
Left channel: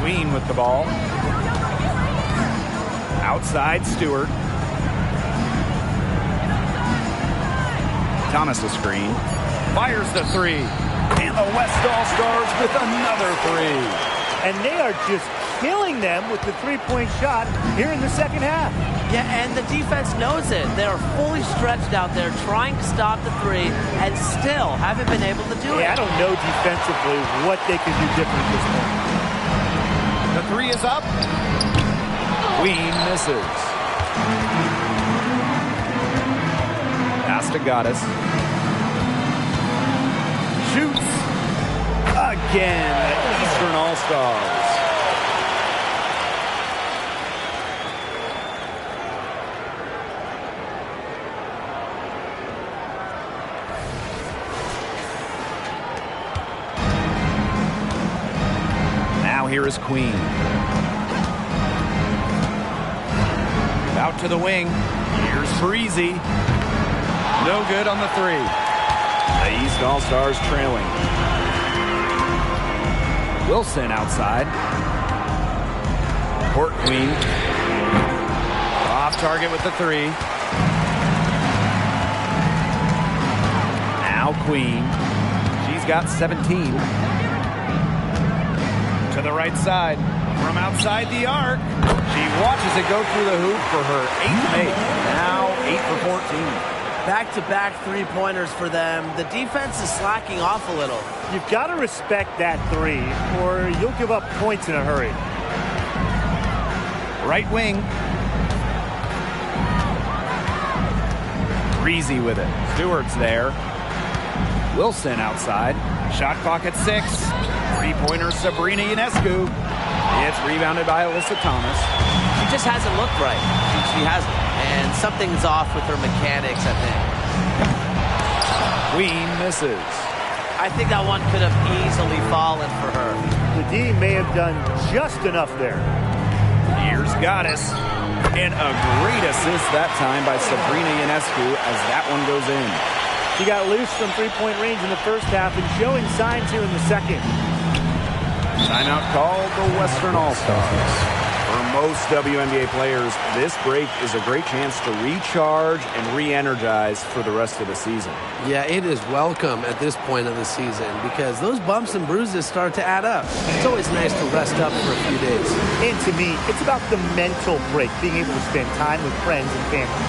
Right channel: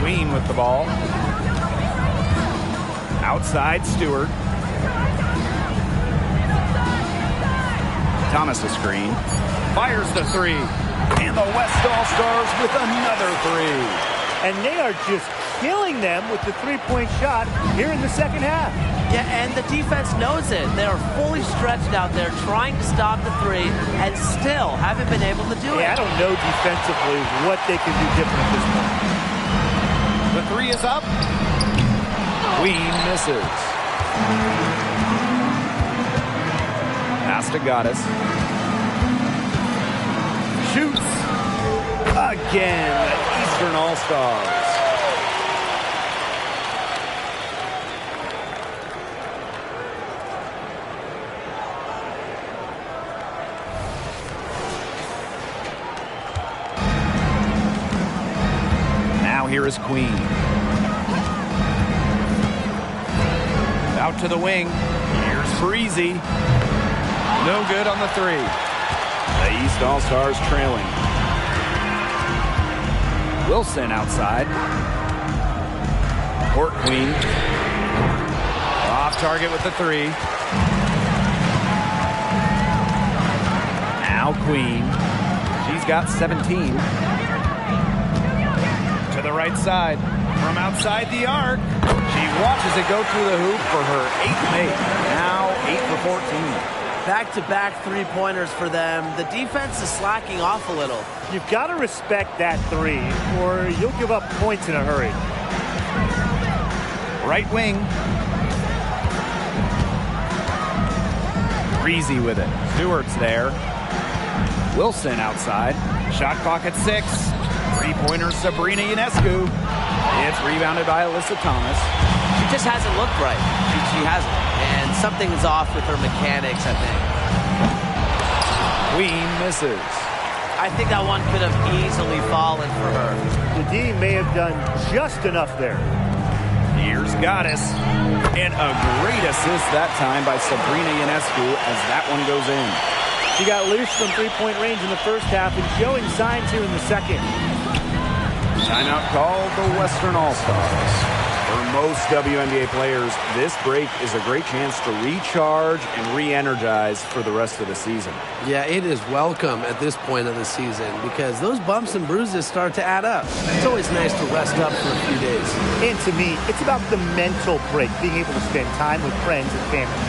Queen with the ball. Outside, Stewart. Thomas a screen. Fires the three. And the West All-Stars with another three. And they are just killing them with the three-point shot here in the second half. Yeah, and the defense knows it. They are fully stretched out there trying to stop the three and still haven't been able to do it. I don't know defensively what they can do different at this point. The three is up. Queen misses. Pass to Goddess. Shoots. Again, the Eastern All-Stars. Now here is Queen. Out to the wing. Here's Breezy. No good on the three. The East All-Stars trailing. Wilson outside. Court Queen. Off target with the three. Now Queen. She's got 17. To the right side. From outside the arc. She watches it go through the hoop for her 8th make. Now 8 for 14. Back-to-back three-pointers for them. The defense is slacking off a little. You've got to respect that three, or you'll give up points in a hurry. Right wing. Breezy with it. Stewart's there. Wilson outside. Shot clock at 6. Three-pointer Sabrina Ionescu. It's rebounded by Alyssa Thomas. She just hasn't looked right. She hasn't. And something's off with her mechanics, I think. Queen misses. I think that one could have easily fallen for her. The D may have done just enough there. Here's Goddess. And a great assist that time by Sabrina Ionescu as that one goes in. She got loose from three-point range in the first half and showing signs here in the second. Timeout called the Western All-Stars. For most WNBA players, this break is a great chance to recharge and re-energize for the rest of the season. Yeah, it is welcome at this point of the season because those bumps and bruises start to add up. It's always nice to rest up for a few days. And to me, it's about the mental break, being able to spend time with friends and family.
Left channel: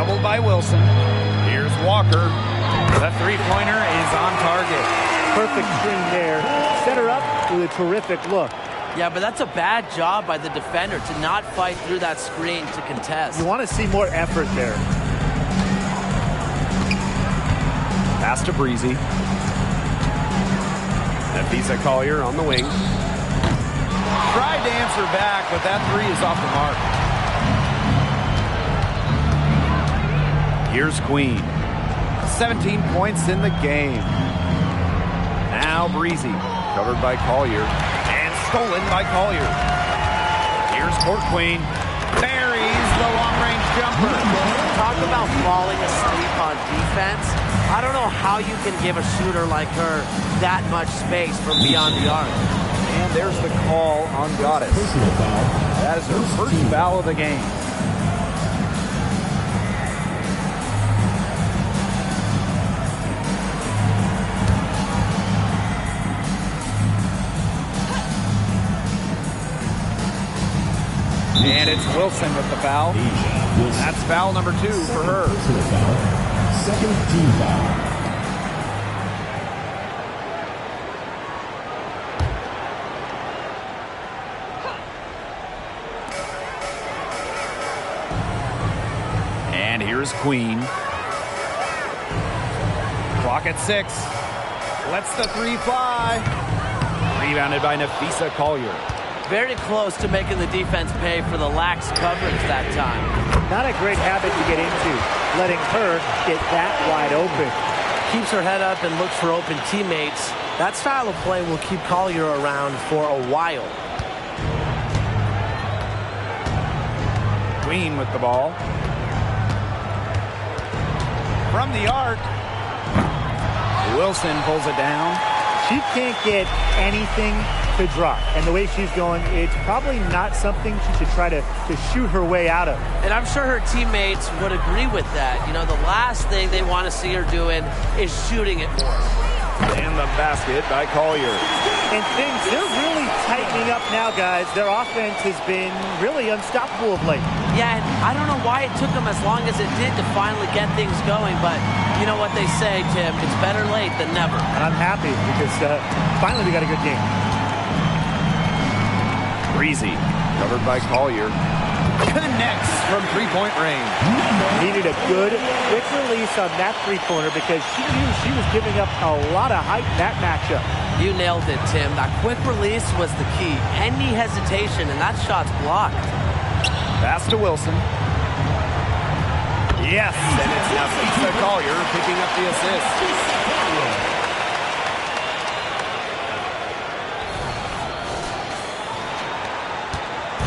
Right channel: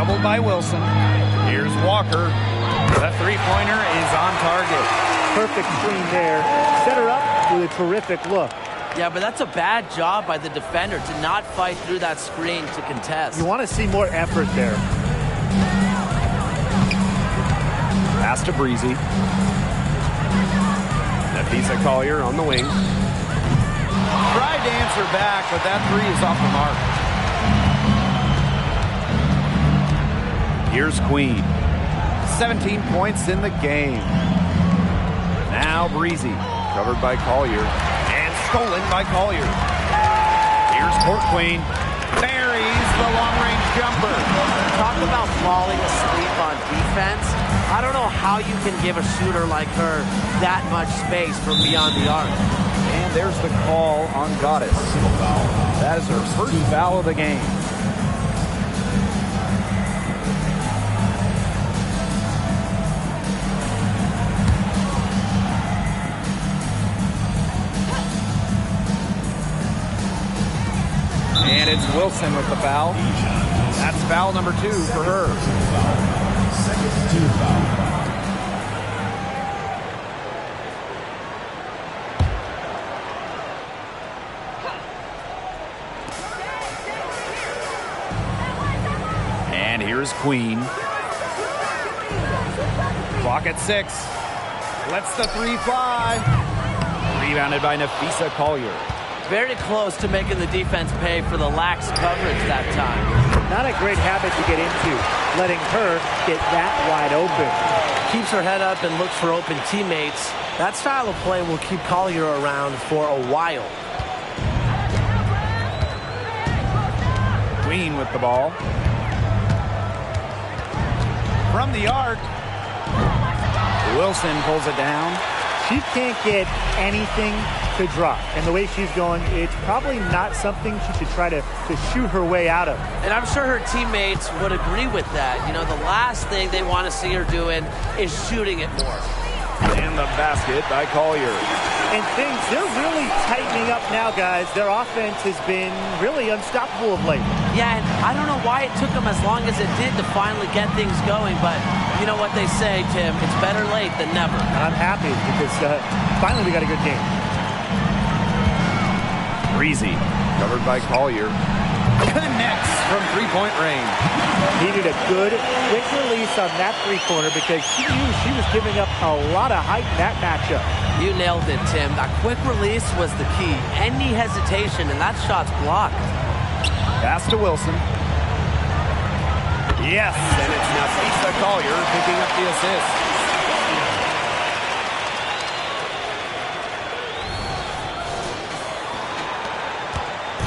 Doubled by Wilson. Here's Walker. The three-pointer is on target. Perfect screen there. Set her up with a terrific look. Yeah, but that's a bad job by the defender to not fight through that screen to contest. You want to see more effort there. Pass to Breezy. Nafisa Collier on the wing. Tried to answer back, but that three is off the mark. Here's Queen. 17 points in the game. Now Breezy, covered by Collier, and stolen by Collier. Here's Court Queen. Buries the long-range jumper. Talk about falling asleep on defense. I don't know how you can give a shooter like her that much space from beyond the arc. And there's the call on Goddess. Personal foul. That is her first foul of the game. And it's Wilson with the foul. That's foul number 2 for her. Personal foul. Second team foul. And here's Queen. Clock at 6. Lets the three fly. Rebounded by Nafisa Collier. Very close to making the defense pay for the lax coverage that time. Not a great habit to get into, letting her get that wide open. Keeps her head up and looks for open teammates. That style of play will keep Collier around for a while. Queen with the ball. From the arc. Wilson pulls it down. She can't get anything to drop. And the way she's going, it's probably not something she should try to shoot her way out of. And I'm sure her teammates would agree with that. You know, the last thing they want to see her doing is shooting it more. And the basket by Collier. And they're really tightening up now, guys. Their offense has been really unstoppable of late. Yeah, and I don't know why it took them as long as it did to finally get things going, but you know what they say, Tim, it's better late than never. And I'm happy because finally we got a good game. Breezy, covered by Collier. Connects from three-point range. Needed a good, quick release on that three-pointer because she knew she was giving up a lot of height in that matchup. You nailed it, Tim. That quick release was the key. Any hesitation, and that shot's blocked. Pass to Wilson. Yes, and it's Nafisa Collier picking up the assist.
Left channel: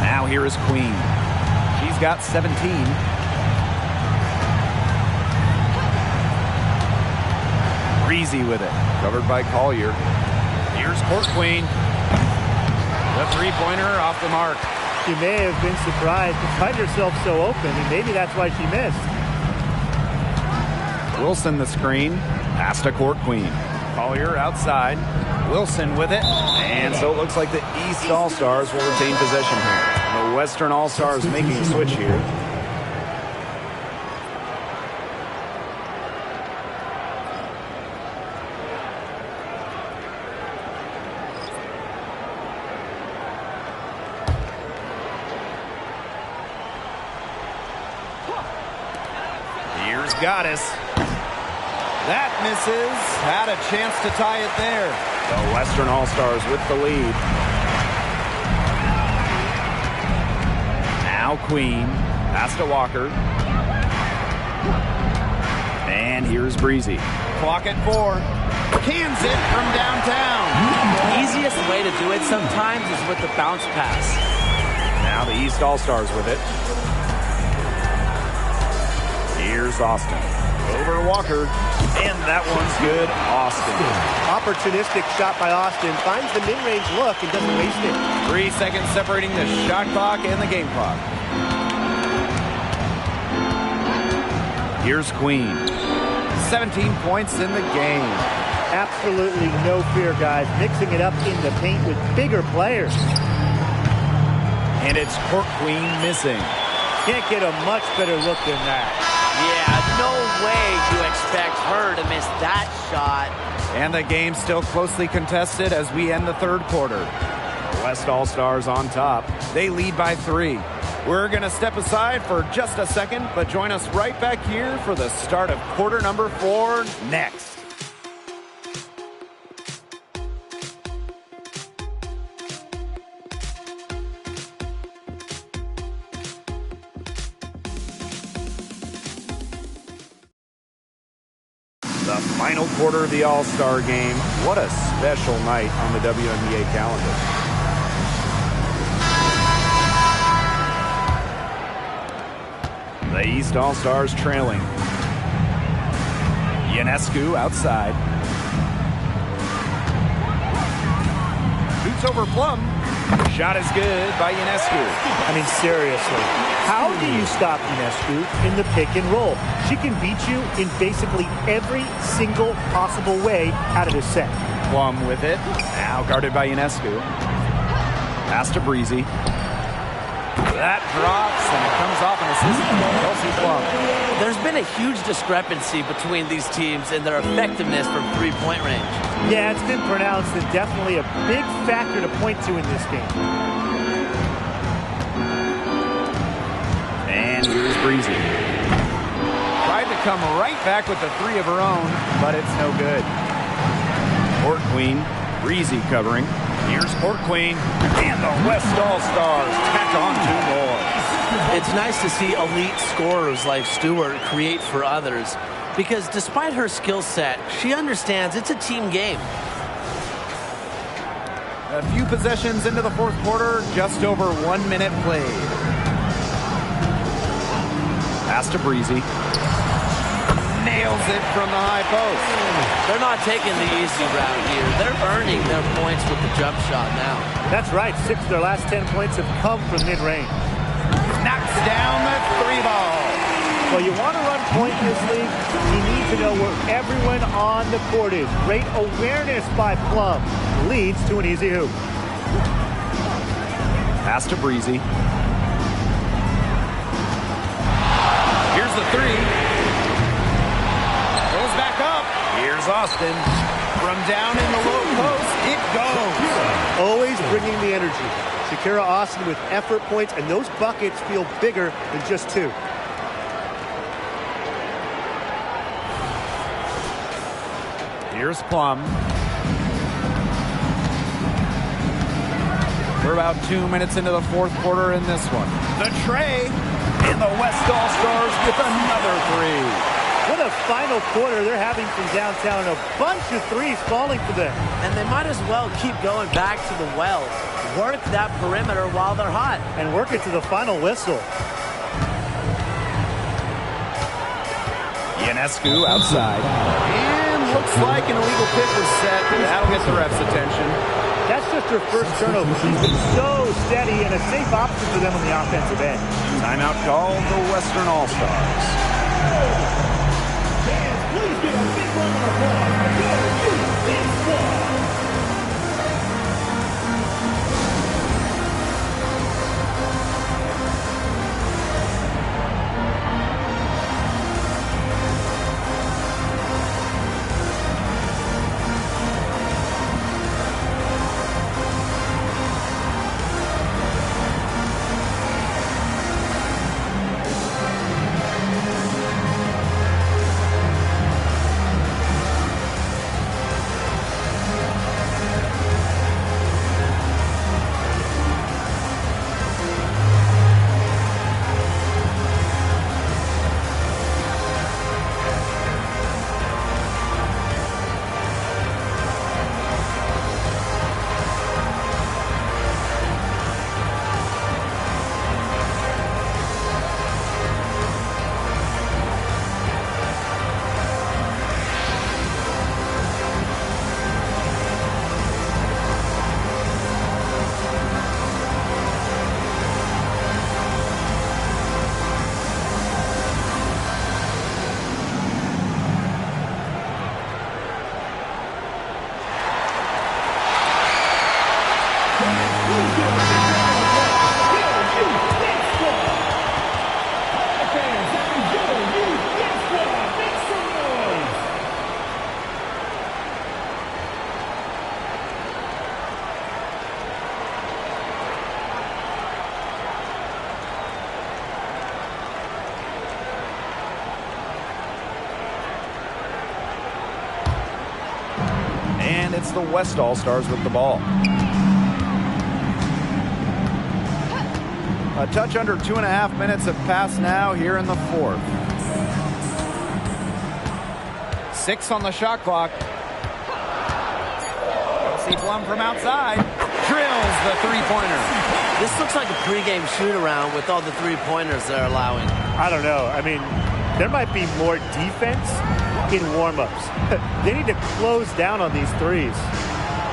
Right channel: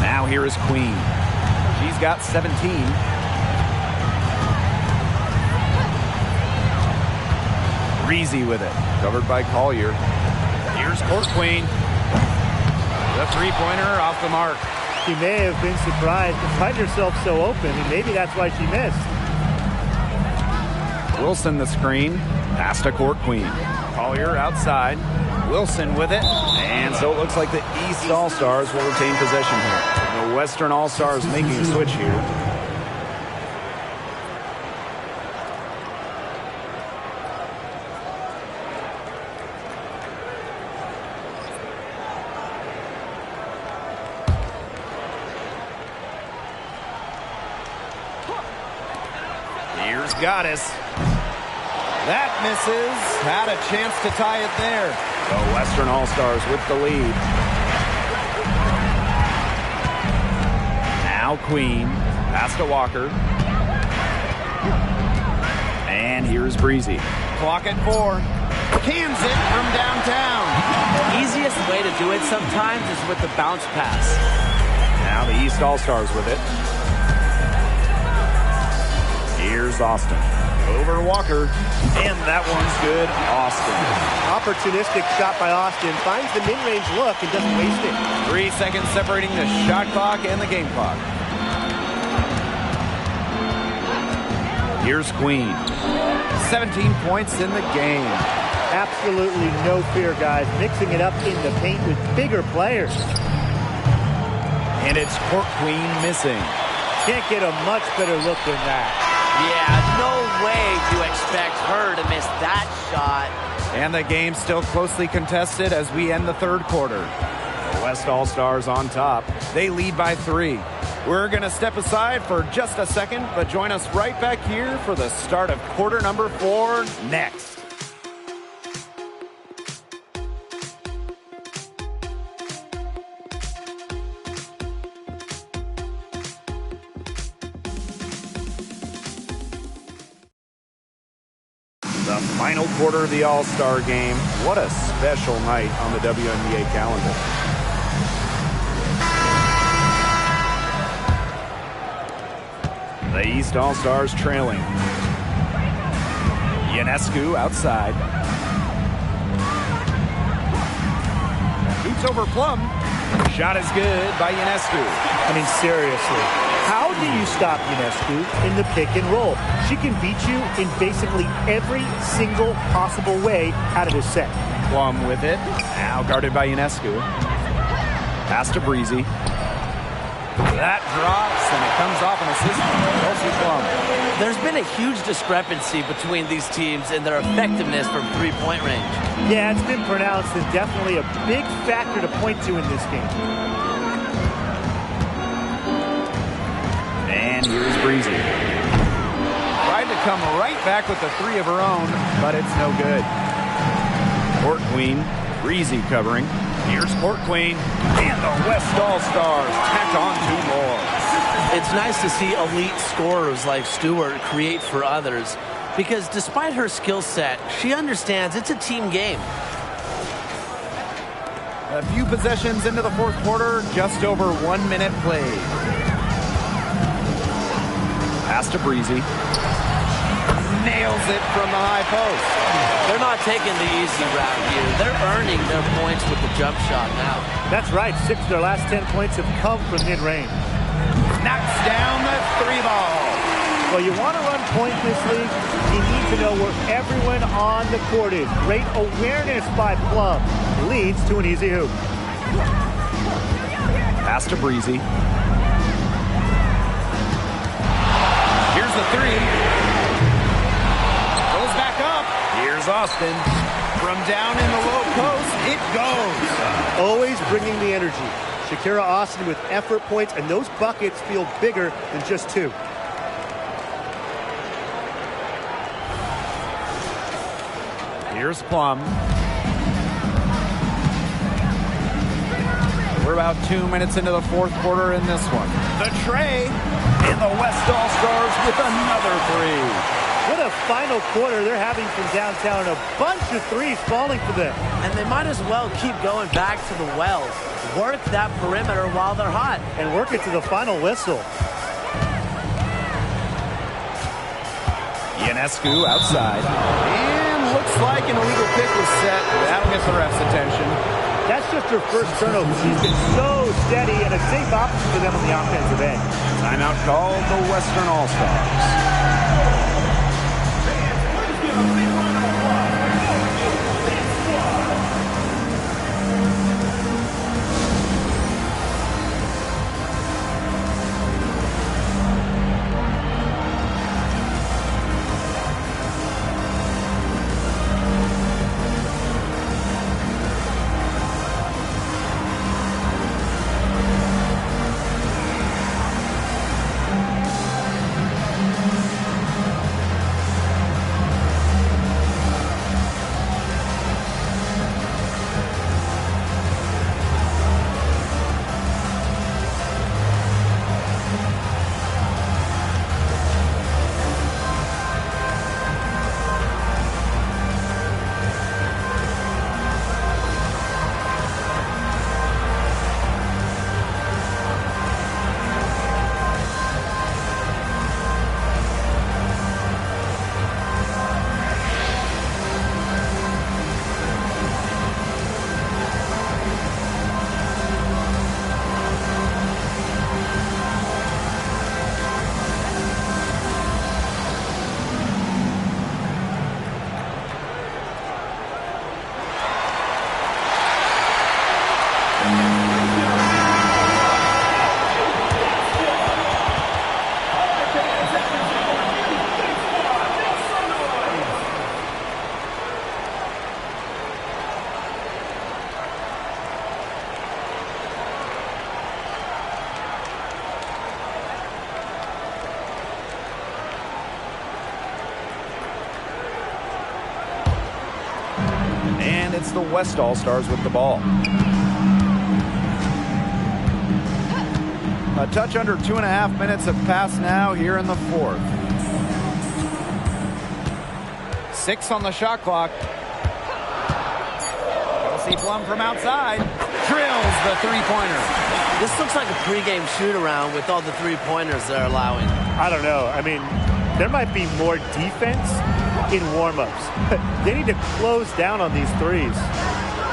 Now here is Queen. She's got 17. Breezy with it, covered by Collier. Here's Court Queen. The three-pointer off the mark. She may have been surprised to find herself so open, and maybe that's why she missed. Wilson the screen. Pass to Court Queen. Collier outside. Wilson with it. And so it looks like the East All-Stars will retain possession here. The Western All-Stars making a switch here. Here's Goddess. That misses. Had a chance to tie it there. The Western All-Stars with the lead. Now Queen. Pass to Walker. And here's Breezy. Clock at 4. Cans it from downtown. Easiest way to do it sometimes is with the bounce pass. Now the East All-Stars with it. Here's Austin. Over Walker. And that one's good. Austin. Opportunistic shot by Austin. Finds the mid-range look and doesn't waste it. 3 seconds separating the shot clock and the game clock. Here's Queen. 17 points in the game. Absolutely no fear, guys. Mixing it up in the paint with bigger players. And it's Court Queen missing. Can't get a much better look than that. Yeah, no way you expect her to miss that shot. And the game still closely contested as we end the third quarter. The West All-Stars on top. They lead by 3. We're going to step aside for just a second, but join us right back here for the start of quarter number 4 next. The final quarter of the All-Star game. What a special night on the WNBA calendar. The East All-Stars trailing. Ionescu outside. Shoots over Plum. Shot is good by Ionescu. I mean, seriously, how do you stop Ionescu in the pick and roll? She can beat you in basically every single possible way out of this set. Plum with it. Now guarded by Ionescu. Pass to Breezy. That drops, and it comes off an assist from Kelsey Plum. There's been a huge discrepancy between these teams in their effectiveness from three-point range. Yeah, it's been pronounced and definitely a big factor to point to in this game. And here's Breezy. Tried to come right back with the 3 of her own, but it's no good. Court Queen, Breezy covering. Here's Court Queen, and the West All-Stars tack on 2 more. It's nice to see elite scorers like Stewart create for others, because despite her skill set, she understands it's a team game. A few possessions into the fourth quarter, just over 1 minute played. Pass to Breezy. Nails it from the high post. They're not taking the easy route here. They're earning their points with the jump shot now. That's right. 6 of their last 10 points have come from mid-range. Knocks down the 3-ball. Well, you want to run point in this league, you need to know where everyone on the court is. Great awareness by Plum leads to an easy hoop. Pass to Breezy. Here's the 3. Goes back up. Here's Austin. From down in the low post, it goes. Always bringing the energy. Shakira Austin with effort points, and those buckets feel bigger than just 2. Here's Plum. We're about 2 minutes into the fourth quarter in this one. The tray, and the West All-Stars with another 3. What a final quarter they're having from downtown. A bunch of 3s falling for them. And they might as well keep going back to the well. Work that perimeter while they're hot. And work it to the final whistle. Ionescu outside. And looks like an illegal pick was set. That'll get the ref's attention. That's just her first turnover. She's been so steady and a safe option for them on the offensive end. Timeout called the Western All-Stars. And it's the West All-Stars with the ball. A touch under 2.5 minutes have passed now here in the fourth. 6 on the shot clock. Kelsey Plum from outside. Drills the three-pointer. This looks like a pregame shoot-around with all the three-pointers they're allowing. I don't know. I mean, there might be more defense in warm-ups. They need to close down on these threes.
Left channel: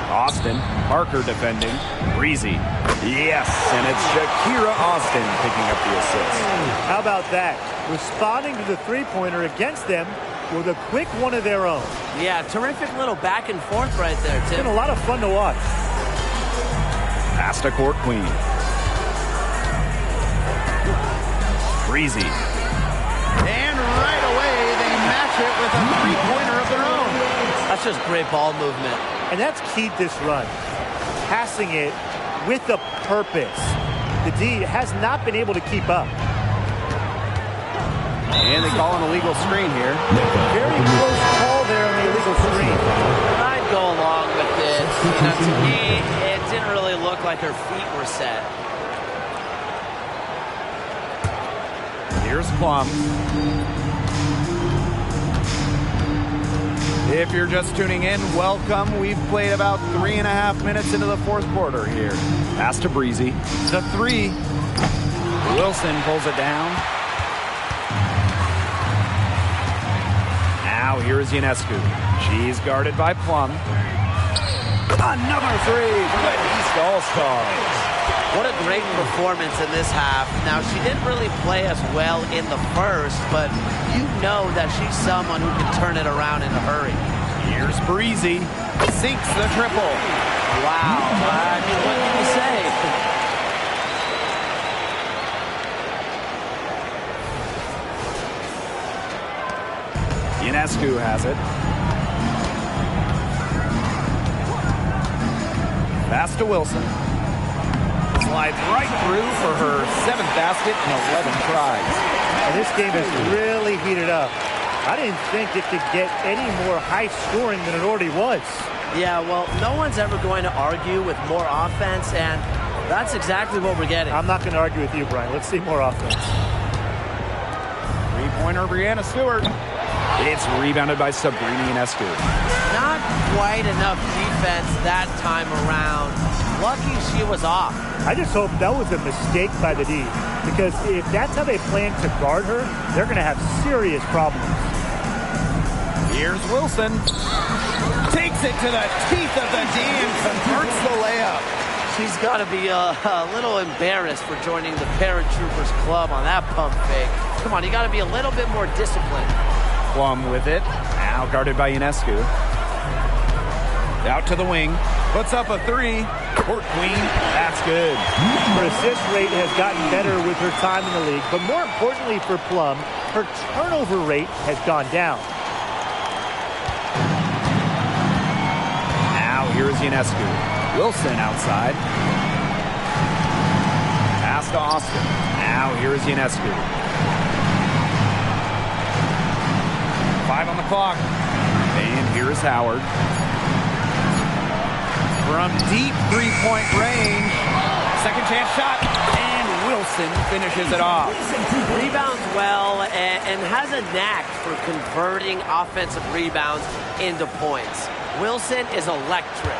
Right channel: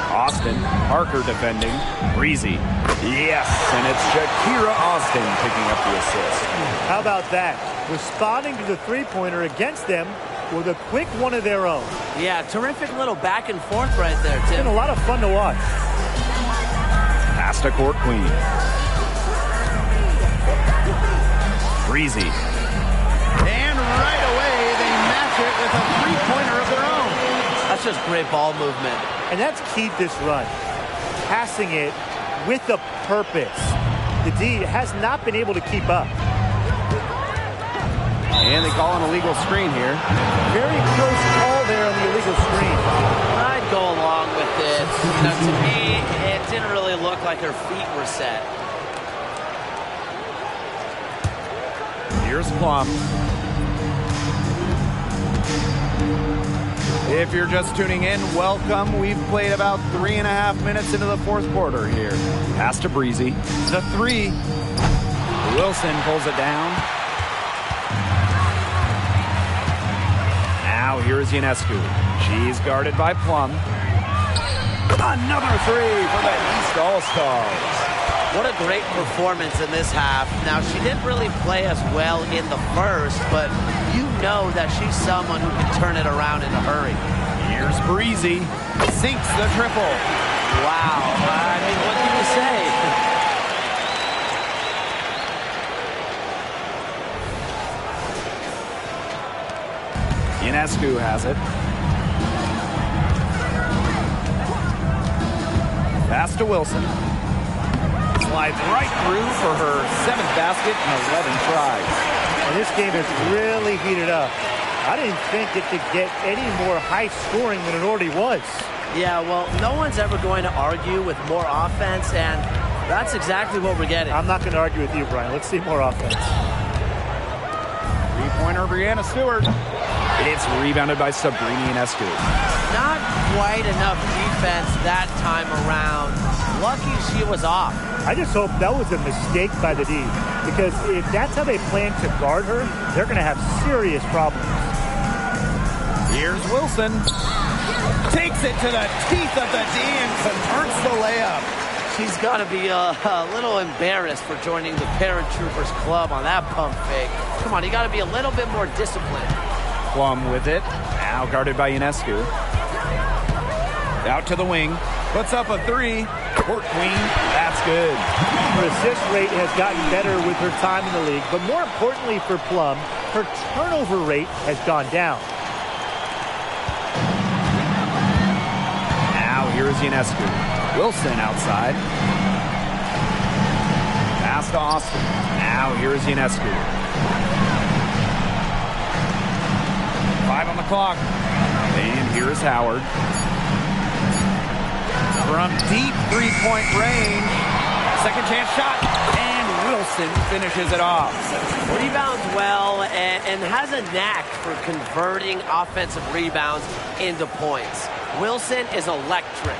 Austin, Parker defending. Breezy. Yes, and it's Shakira Austin picking up the assist. How about that? Responding to the three-pointer against them with a quick one of their own. Yeah, terrific little back and forth right there, Tim. It's been a lot of fun to watch. Pass to court queen. Breezy. And right away, they match it with a three-pointer of their own. That's just great ball movement. And that's keyed this run. Passing it with a purpose. The D has not been able to keep up. And they call an illegal screen here. Very close call there on the illegal screen. I'd go along with it. You know, to me, it didn't really look like her feet were set. Here's Plum. If you're just tuning in, welcome. We've played about 3.5 minutes into the fourth quarter here. Pass to Breezy. The three. Wilson pulls it down. Now here is Ionescu. She's guarded by Plum. Another three for the East All-Stars. What a great performance in this half. Now, she didn't really play as well in the first, but you know that she's someone who can turn it around in a hurry. Here's Breezy. Sinks the triple. Wow. I mean, what can you say? Ionescu has it. Pass to Wilson. Slides right through for her 7th basket in 11 tries. And this game has really heated up. I didn't think it could get any more high scoring than it already was. Yeah, well, no one's ever going to argue with more offense, and that's exactly what we're getting. I'm not going to argue with you, Brian. Let's see more offense. Three-pointer, Breanna Stewart. It's rebounded by Sabrina Ionescu. Not quite enough defense that time around. Lucky she was off. I just hope that was a mistake by the D, because if that's how they plan to guard her, they're going to have serious problems. Here's Wilson. Takes it to the teeth of the D and converts the layup. She's got to be a little embarrassed for joining the Paratroopers Club on that pump fake. Come on, you got to be a little bit more disciplined. Plum with it. Now guarded by Ionescu. Out to the wing. Puts up a three. Court queen. That's good. Her assist rate has gotten better with her time in the league, but more importantly for Plum, her turnover rate has gone down. Now here is Ionescu. Wilson outside. Pass to Austin. Now here is Ionescu. 5 on the clock. And here is Howard. From deep three-point range. Second chance shot. And Wilson finishes it off. Rebounds well and has a knack for converting offensive rebounds into points. Wilson is electric.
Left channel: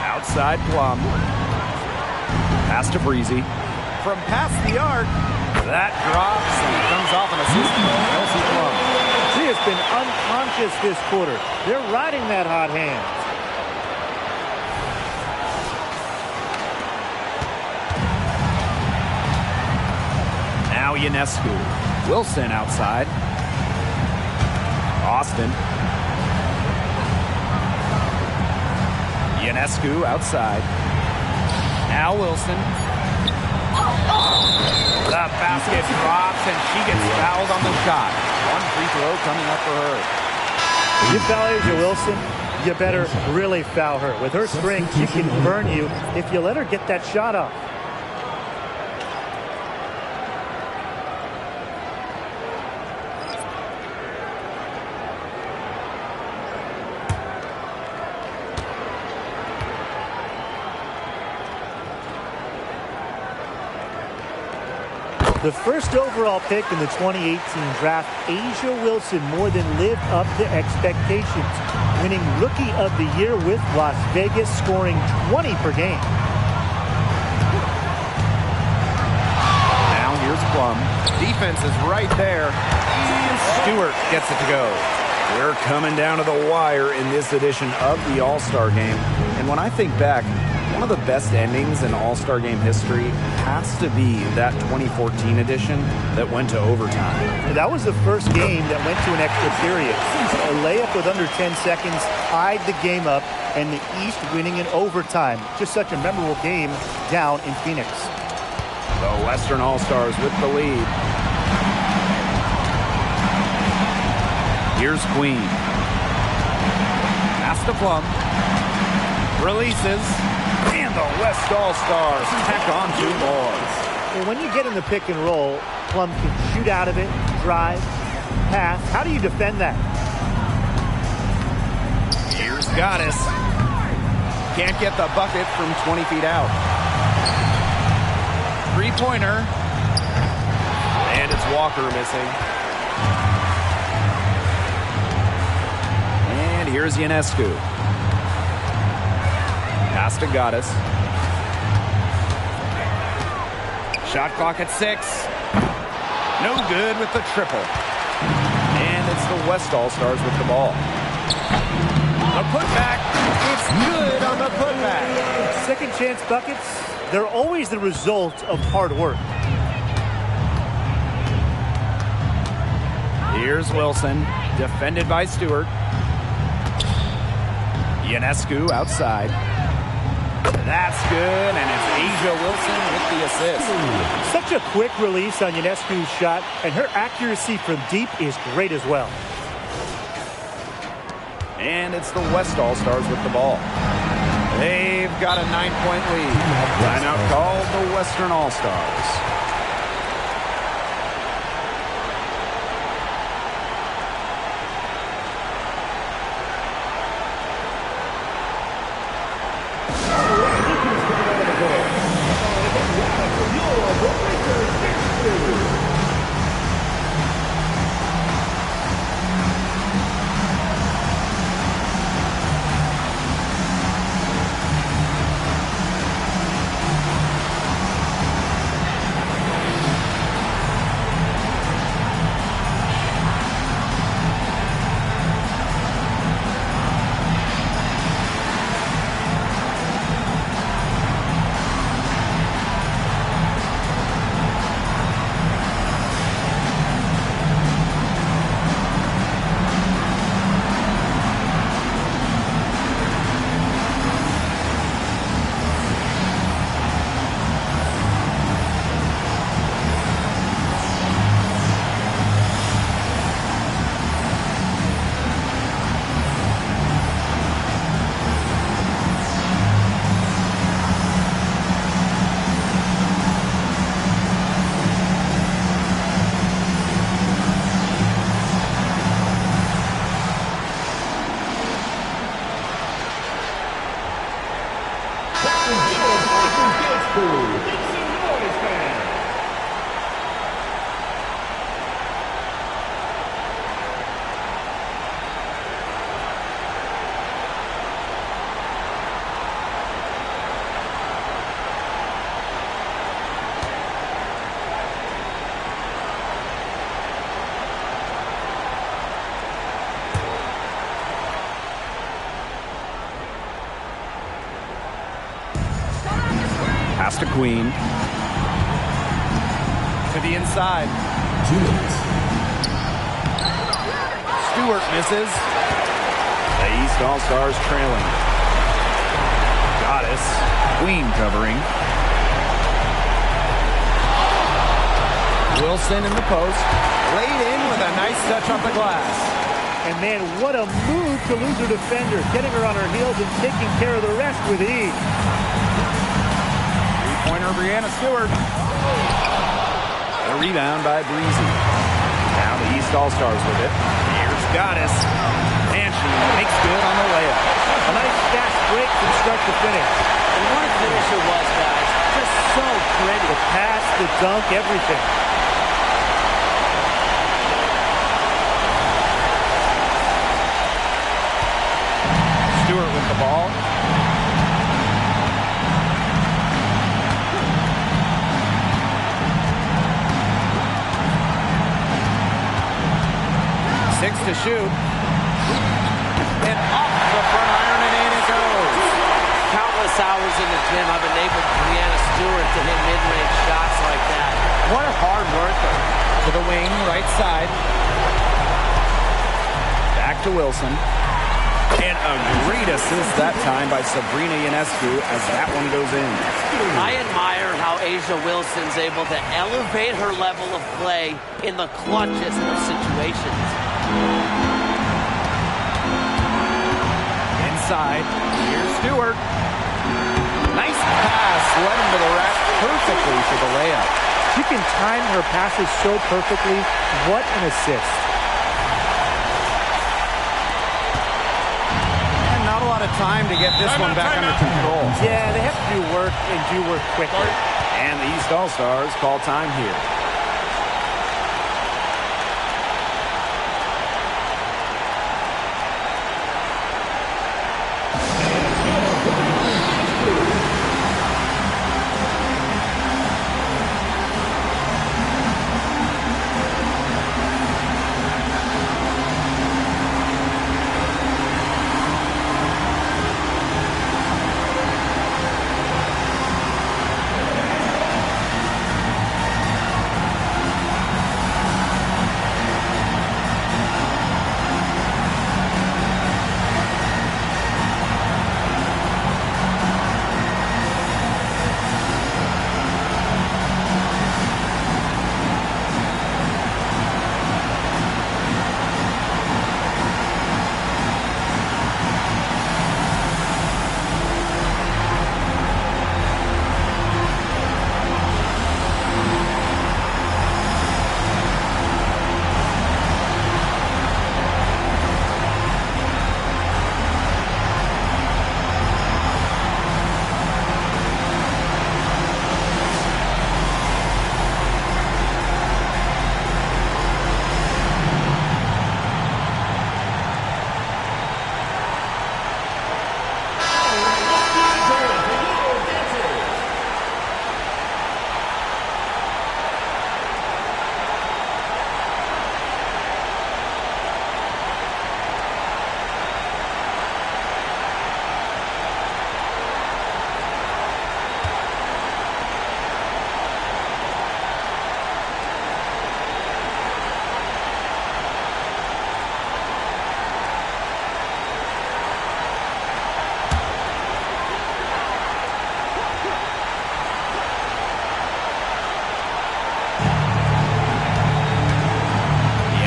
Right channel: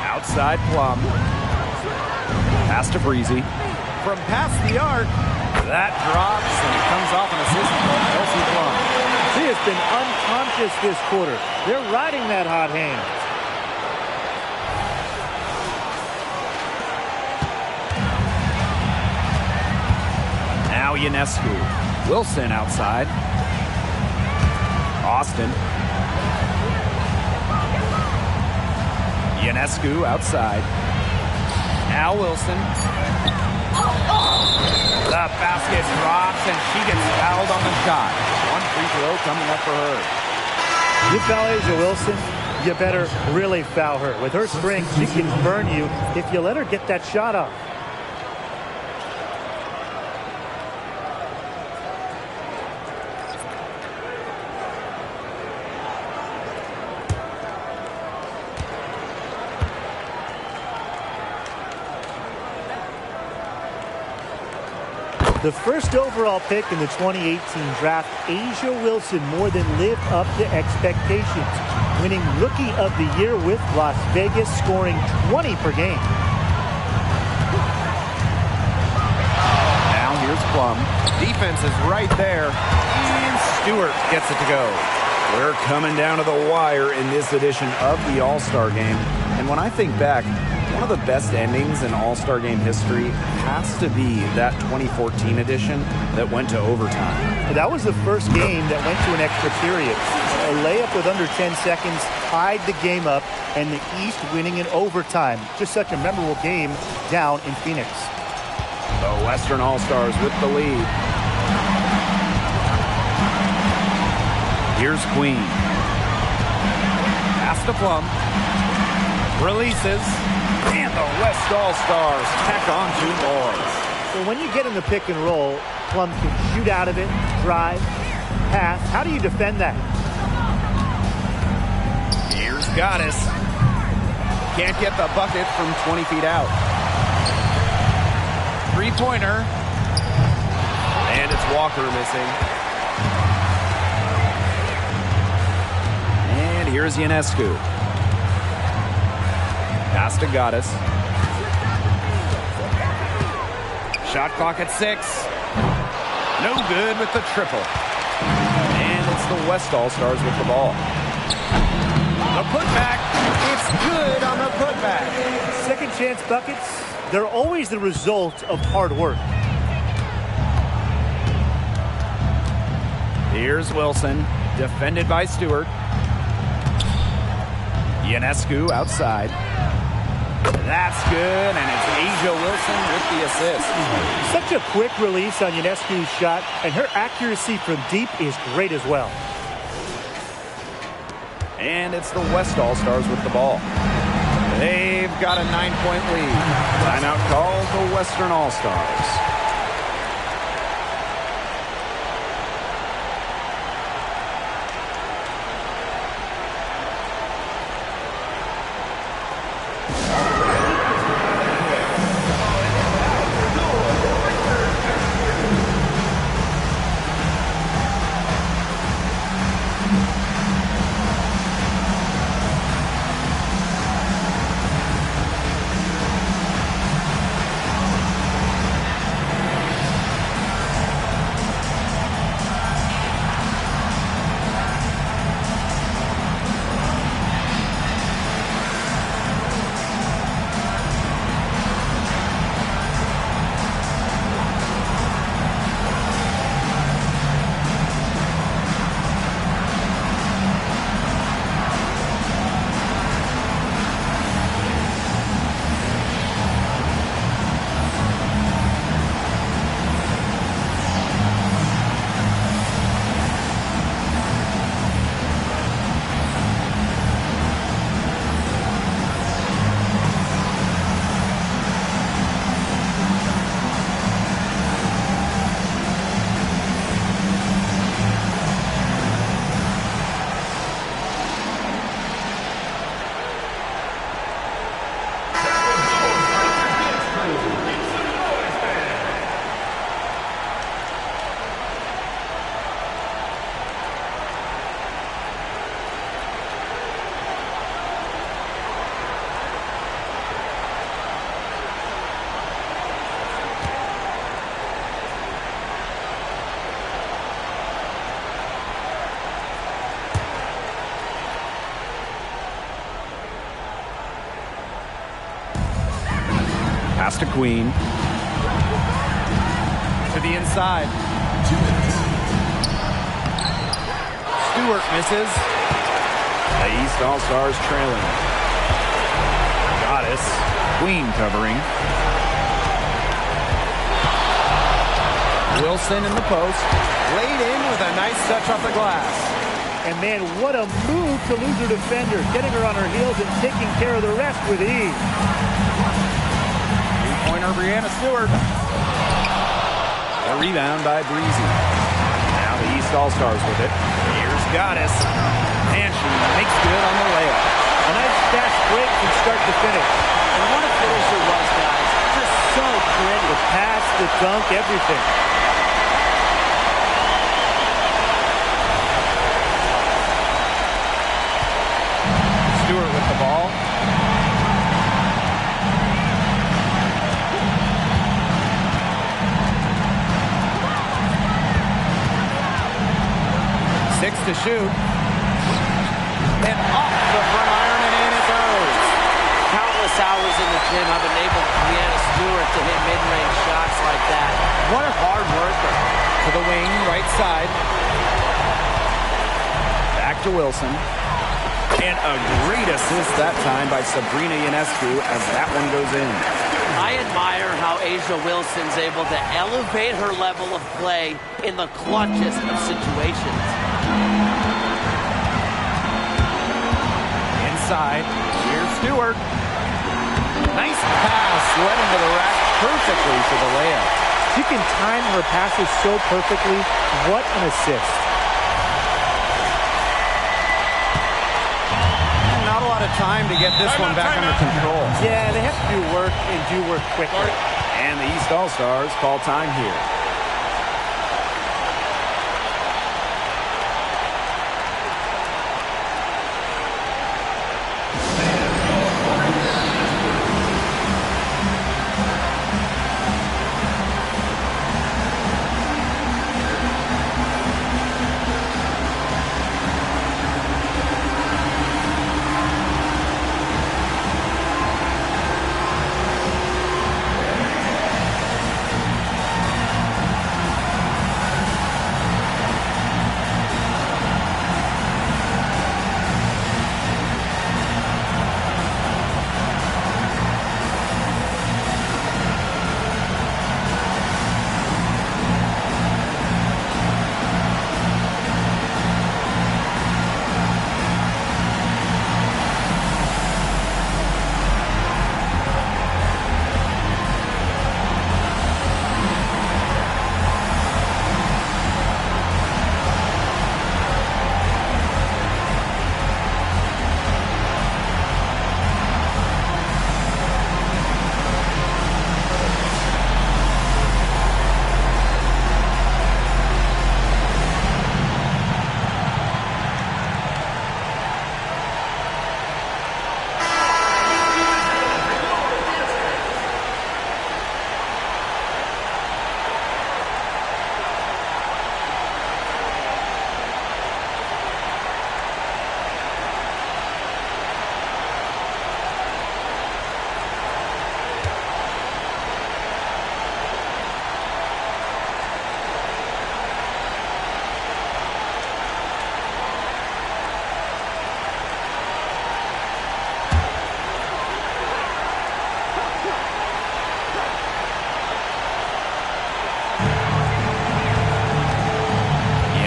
Outside Plum. Pass to Breezy. From past the arc. That drops and it comes off an assist from Kelsey Plum. She has been unconscious this quarter. They're riding that hot hand. Now Ionescu. Wilson outside. Austin. Ionescu outside. Now Wilson. The basket drops and she gets fouled on the shot. One free throw coming up for her. You foul Asia Wilson, you better really foul her. With her strength, she can burn you if you let her get that shot off. The first overall pick in the 2018 draft, Asia Wilson more than lived up to expectations, winning Rookie of the Year with Las Vegas, scoring 20 per game. Now here's Plum. Defense is right there, and Stewart gets it to go. We're coming down to the wire in this edition of the All-Star Game, and when I think back, one of the best endings in All-Star Game history has to be that 2014 edition that went to overtime. That was the first game that went to an extra period. A layup with under 10 seconds tied the game up, and the East winning in overtime. Just such a memorable game down in Phoenix. The Western All-Stars with the lead. Here's Queen. Pass to Plum. Releases. And the West All-Stars tack on 2 more. Well, when you get in the pick and roll, Plum can shoot out of it, drive, pass. How do you defend that? Here's Goddess. Can't get the bucket from 20 feet out. Three-pointer. And it's Walker missing. And here's Ionescu. Pass to Goddess. Shot clock at 6. No good with the triple. And it's the West All-Stars with the ball. The putback. It's good on the putback. Second chance buckets, they're always the result of hard work. Here's Wilson, defended by Stewart. Ionescu outside. That's good, and it's Asia Wilson with the assist. Such a quick release on Ionescu's shot, and her accuracy from deep is great as well. And it's the West All-Stars with the ball. They've got a 9-point lead. Timeout called the Western All-Stars. Pass to Queen. To the inside. 2 minutes. Stewart misses. The East All-Stars trailing. Goddess. Queen covering. Wilson in the post. Laid in with a nice touch off the glass. And man, what a move to lose her defender, getting her on her heels and taking care of the rest with ease. Three-pointer, Brianna Stewart. The rebound by Breezy. Now the East All-Stars with it. Here's Goddess. And she makes good on the layup. A nice fast break from start to finish. And what a finish it was, guys. Just so pretty. The pass, the dunk, everything. Stewart with the ball. Six to shoot. And off the front iron, and in it goes. Countless hours in the gym have enabled Brianna Stewart to hit mid-range shots like that. What a hard worker. To the wing, right side. Back to Wilson. And a great assist that time by Sabrina Ionescu as that one goes in. I admire how A'ja Wilson's able to elevate her level of play in the clutchest of situations. Inside, here's Stewart. Nice pass, led him to the rack perfectly for the layup. She can time her passes so perfectly. What an assist. And not a lot of time to get this one back under control. Yeah, they have to do work and do work quickly. And the East All-Stars call time here.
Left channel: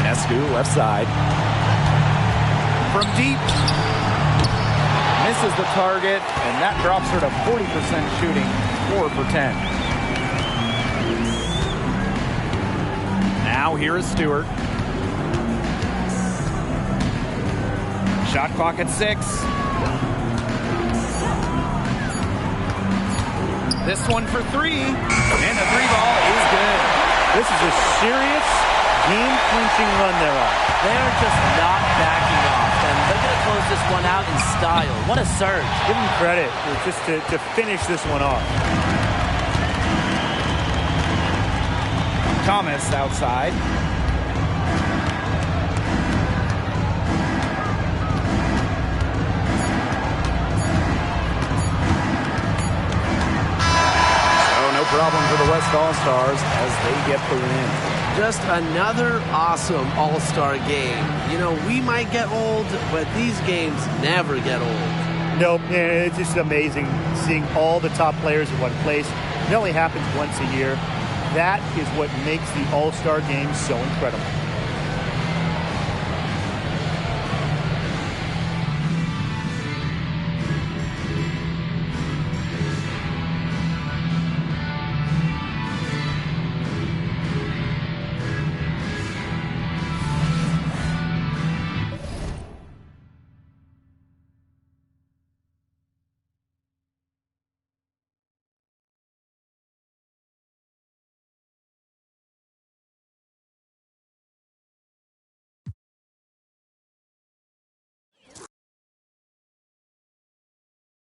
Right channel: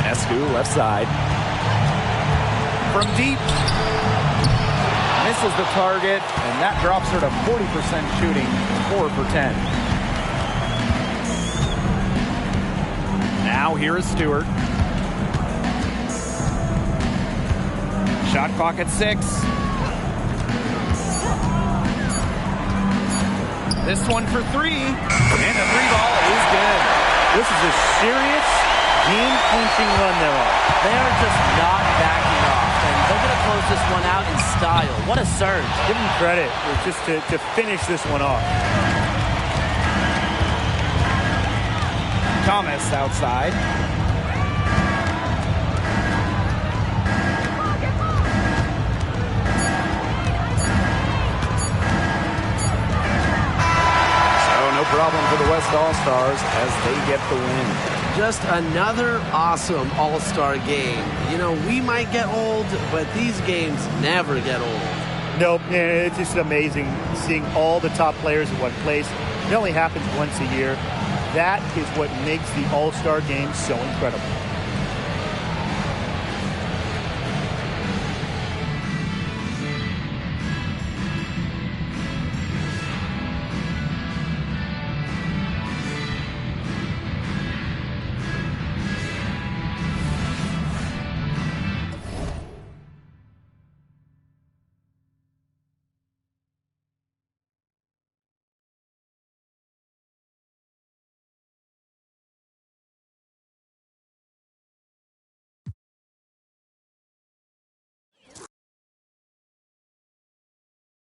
Ionescu, left side. From deep. Misses the target, and that drops her to 40% shooting, 4 for 10. Now here is Stewart. Shot clock at 6. This one for 3, and the 3 ball is good. This is a serious game-clinching run they're on. They are just not backing off, and they're going to close this one out in style. What a surge. Give them credit just to finish this one off. Thomas outside. So no problem for the West All-Stars as they get the win. Just another awesome All-Star game. You know, we might get old, but these games never get old. Nope, it's just amazing seeing all the top players in one place. It only happens once a year. That is what makes the All-Star game so incredible.